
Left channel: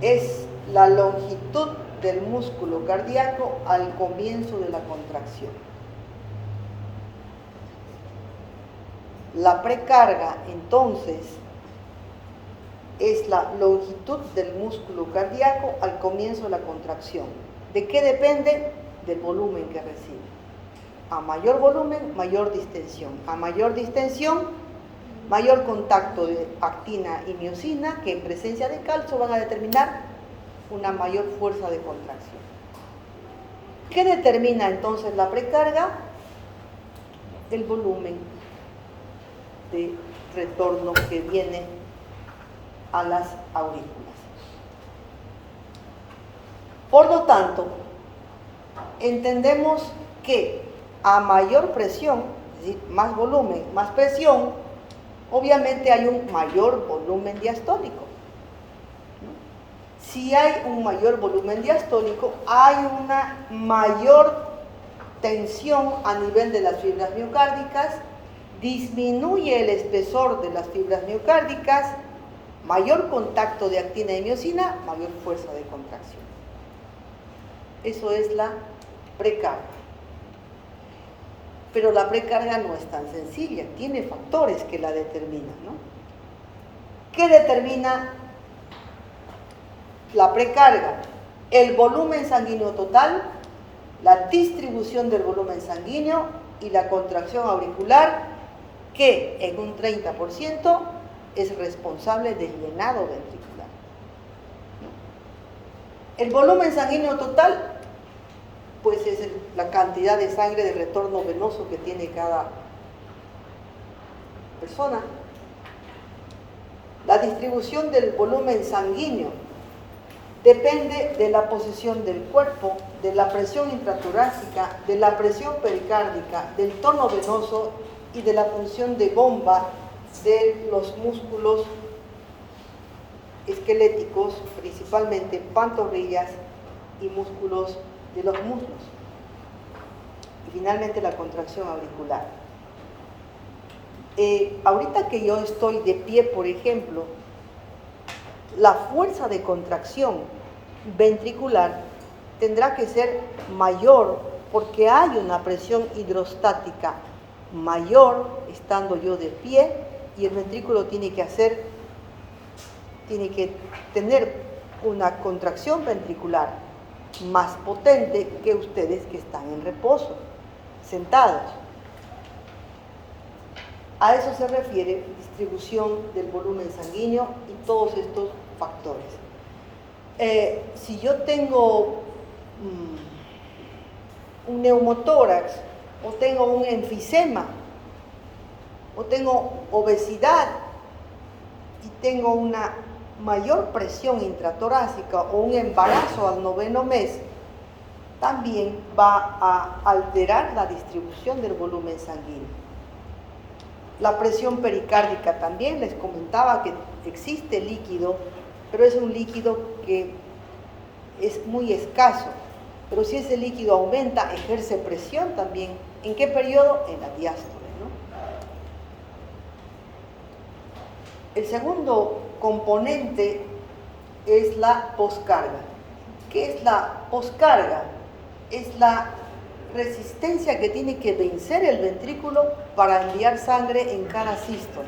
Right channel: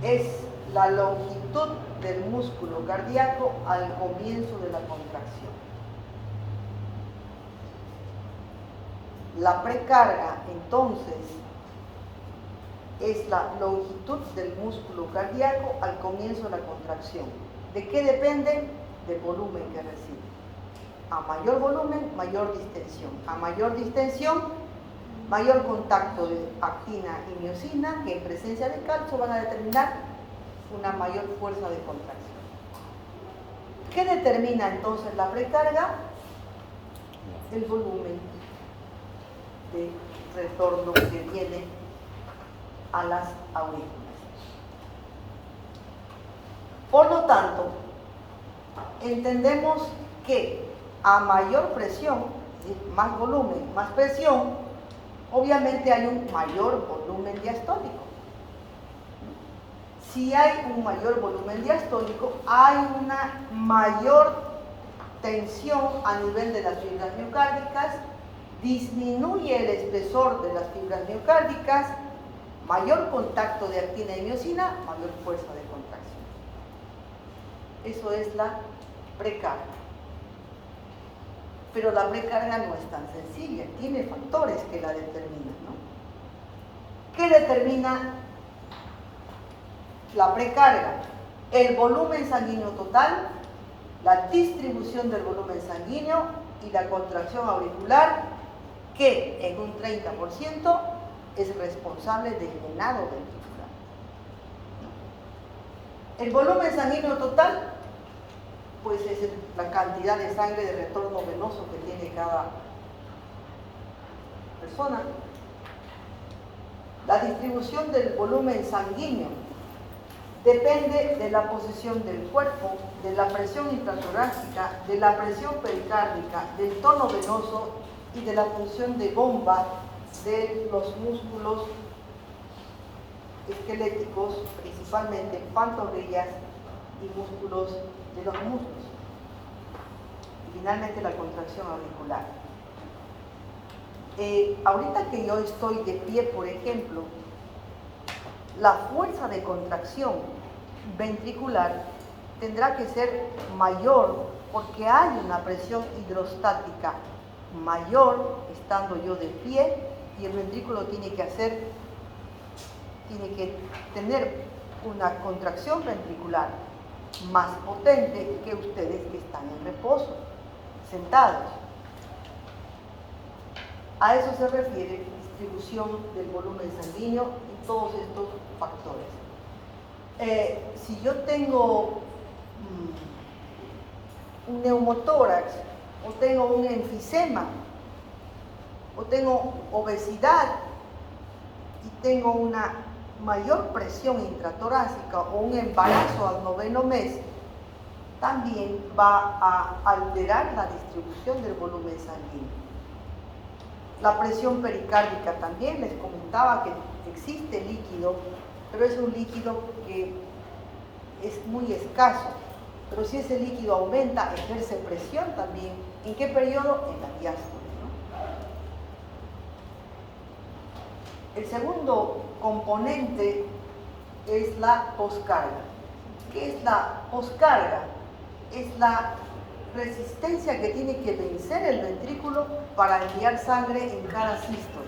Es la longitud del músculo cardíaco al comienzo de la contracción. La precarga, entonces, es la longitud del músculo cardíaco al comienzo de la contracción. ¿De qué depende? Del volumen que recibe. A mayor volumen, mayor distensión. A mayor distensión, mayor contacto de actina y miosina, que en presencia de calcio van a determinar una mayor fuerza de contracción. ¿Qué determina entonces la precarga? El volumen de retorno que viene a las aurículas. Por lo tanto, entendemos que a mayor presión, es decir, más volumen, más presión, obviamente hay un mayor volumen diastólico. Si hay un mayor volumen diastólico, hay una mayor tensión a nivel de las fibras miocárdicas, disminuye el espesor de las fibras miocárdicas, mayor contacto de actina y miosina, mayor fuerza de contracción. Eso es la precarga. Pero la precarga no es tan sencilla, tiene factores que la determinan, ¿no? ¿Qué determina la precarga? El volumen sanguíneo total, la distribución del volumen sanguíneo y la contracción auricular, que en un 30% es responsable del llenado ventricular. El volumen sanguíneo total, pues es la cantidad de sangre de retorno venoso que tiene cada persona. La distribución del volumen sanguíneo depende de la posición del cuerpo, de la presión intratorácica, de la presión pericárdica, del tono venoso y de la función de bomba de los músculos esqueléticos, principalmente pantorrillas y músculos de los muslos. Y finalmente la contracción auricular. Ahorita que yo estoy de pie, por ejemplo, la fuerza de contracción ventricular tendrá que ser mayor porque hay una presión hidrostática mayor estando yo de pie y el ventrículo tiene que tener una contracción ventricular más potente que ustedes que están en reposo, sentados. A eso se refiere distribución del volumen sanguíneo y todos estos factores. Si yo tengo un neumotórax o tengo un enfisema o tengo obesidad y tengo una mayor presión intratorácica o un embarazo al 9º mes, también va a alterar la distribución del volumen sanguíneo. La presión pericárdica también, les comentaba que existe líquido, pero es un líquido que es muy escaso. Pero si ese líquido aumenta, ejerce presión también. ¿En qué periodo? En la diástole, ¿no? El segundo componente es la poscarga. ¿Qué es la poscarga? Es la resistencia que tiene que vencer el ventrículo para enviar sangre en cada sístole.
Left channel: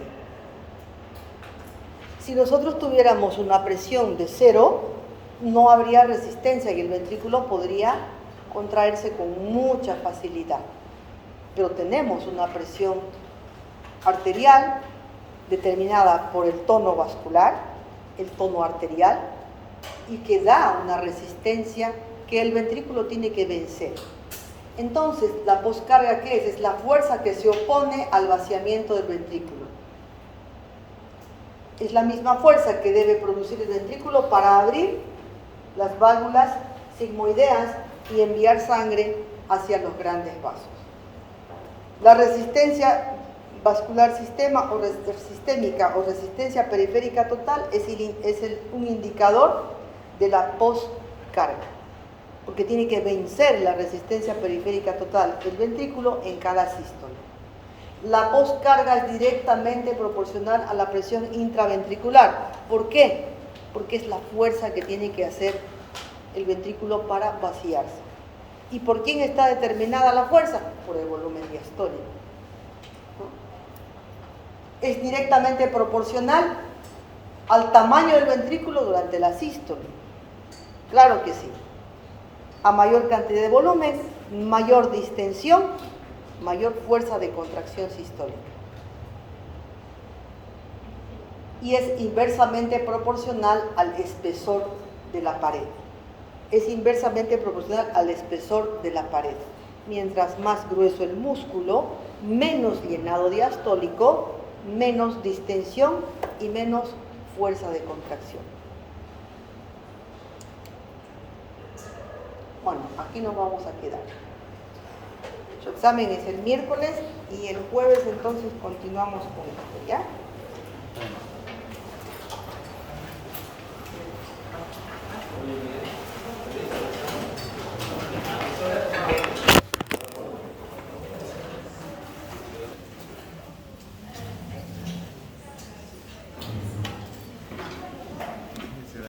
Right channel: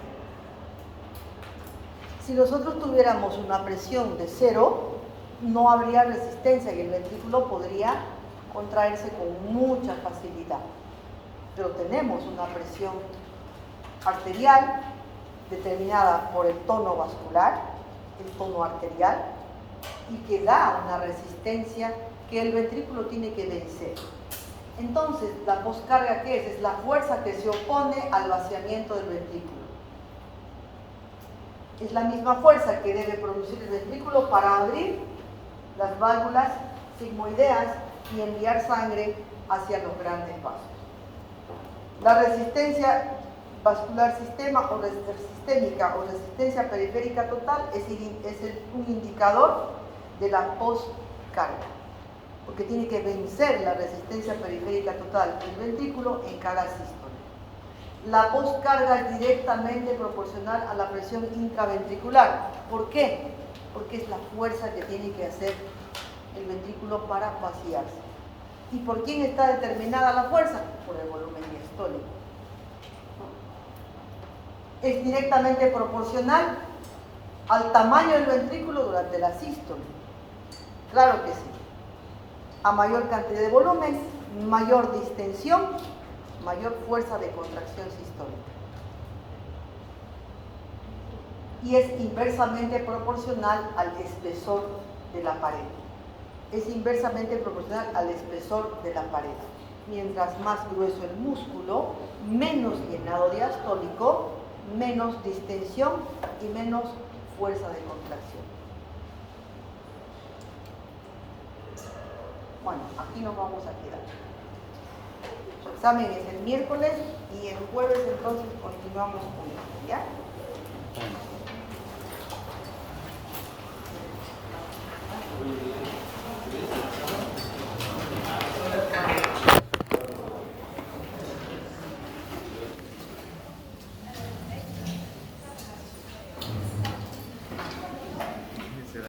Si nosotros tuviéramos una presión de 0, no habría resistencia y el ventrículo podría contraerse con mucha facilidad. Pero tenemos una presión arterial determinada por el tono vascular, el tono arterial, y que da una resistencia que el ventrículo tiene que vencer. Entonces, ¿la poscarga qué es? Es la fuerza que se opone al vaciamiento del ventrículo. Es la misma fuerza que debe producir el ventrículo para abrir las válvulas sigmoideas y enviar sangre hacia los grandes vasos. La resistencia vascular sistémica o resistencia periférica total es un indicador de la poscarga, porque tiene que vencer la resistencia periférica total del ventrículo en cada sístole. La poscarga es directamente proporcional a la presión intraventricular. ¿Por qué? Porque es la fuerza que tiene que hacer el ventrículo para vaciarse. ¿Y por quién está determinada la fuerza? Por el volumen diastólico. Es directamente proporcional al tamaño del ventrículo durante la sístole. Claro que sí. A mayor cantidad de volumen, mayor distensión, mayor fuerza de contracción sistólica. Y es inversamente proporcional al espesor de la pared. Es inversamente proporcional al espesor de la pared. Mientras más grueso el músculo, menos llenado diastólico, menos distensión y menos fuerza de contracción. Bueno, aquí nos vamos a quedar. Su examen es el miércoles y el jueves entonces continuamos con esto, ¿ya?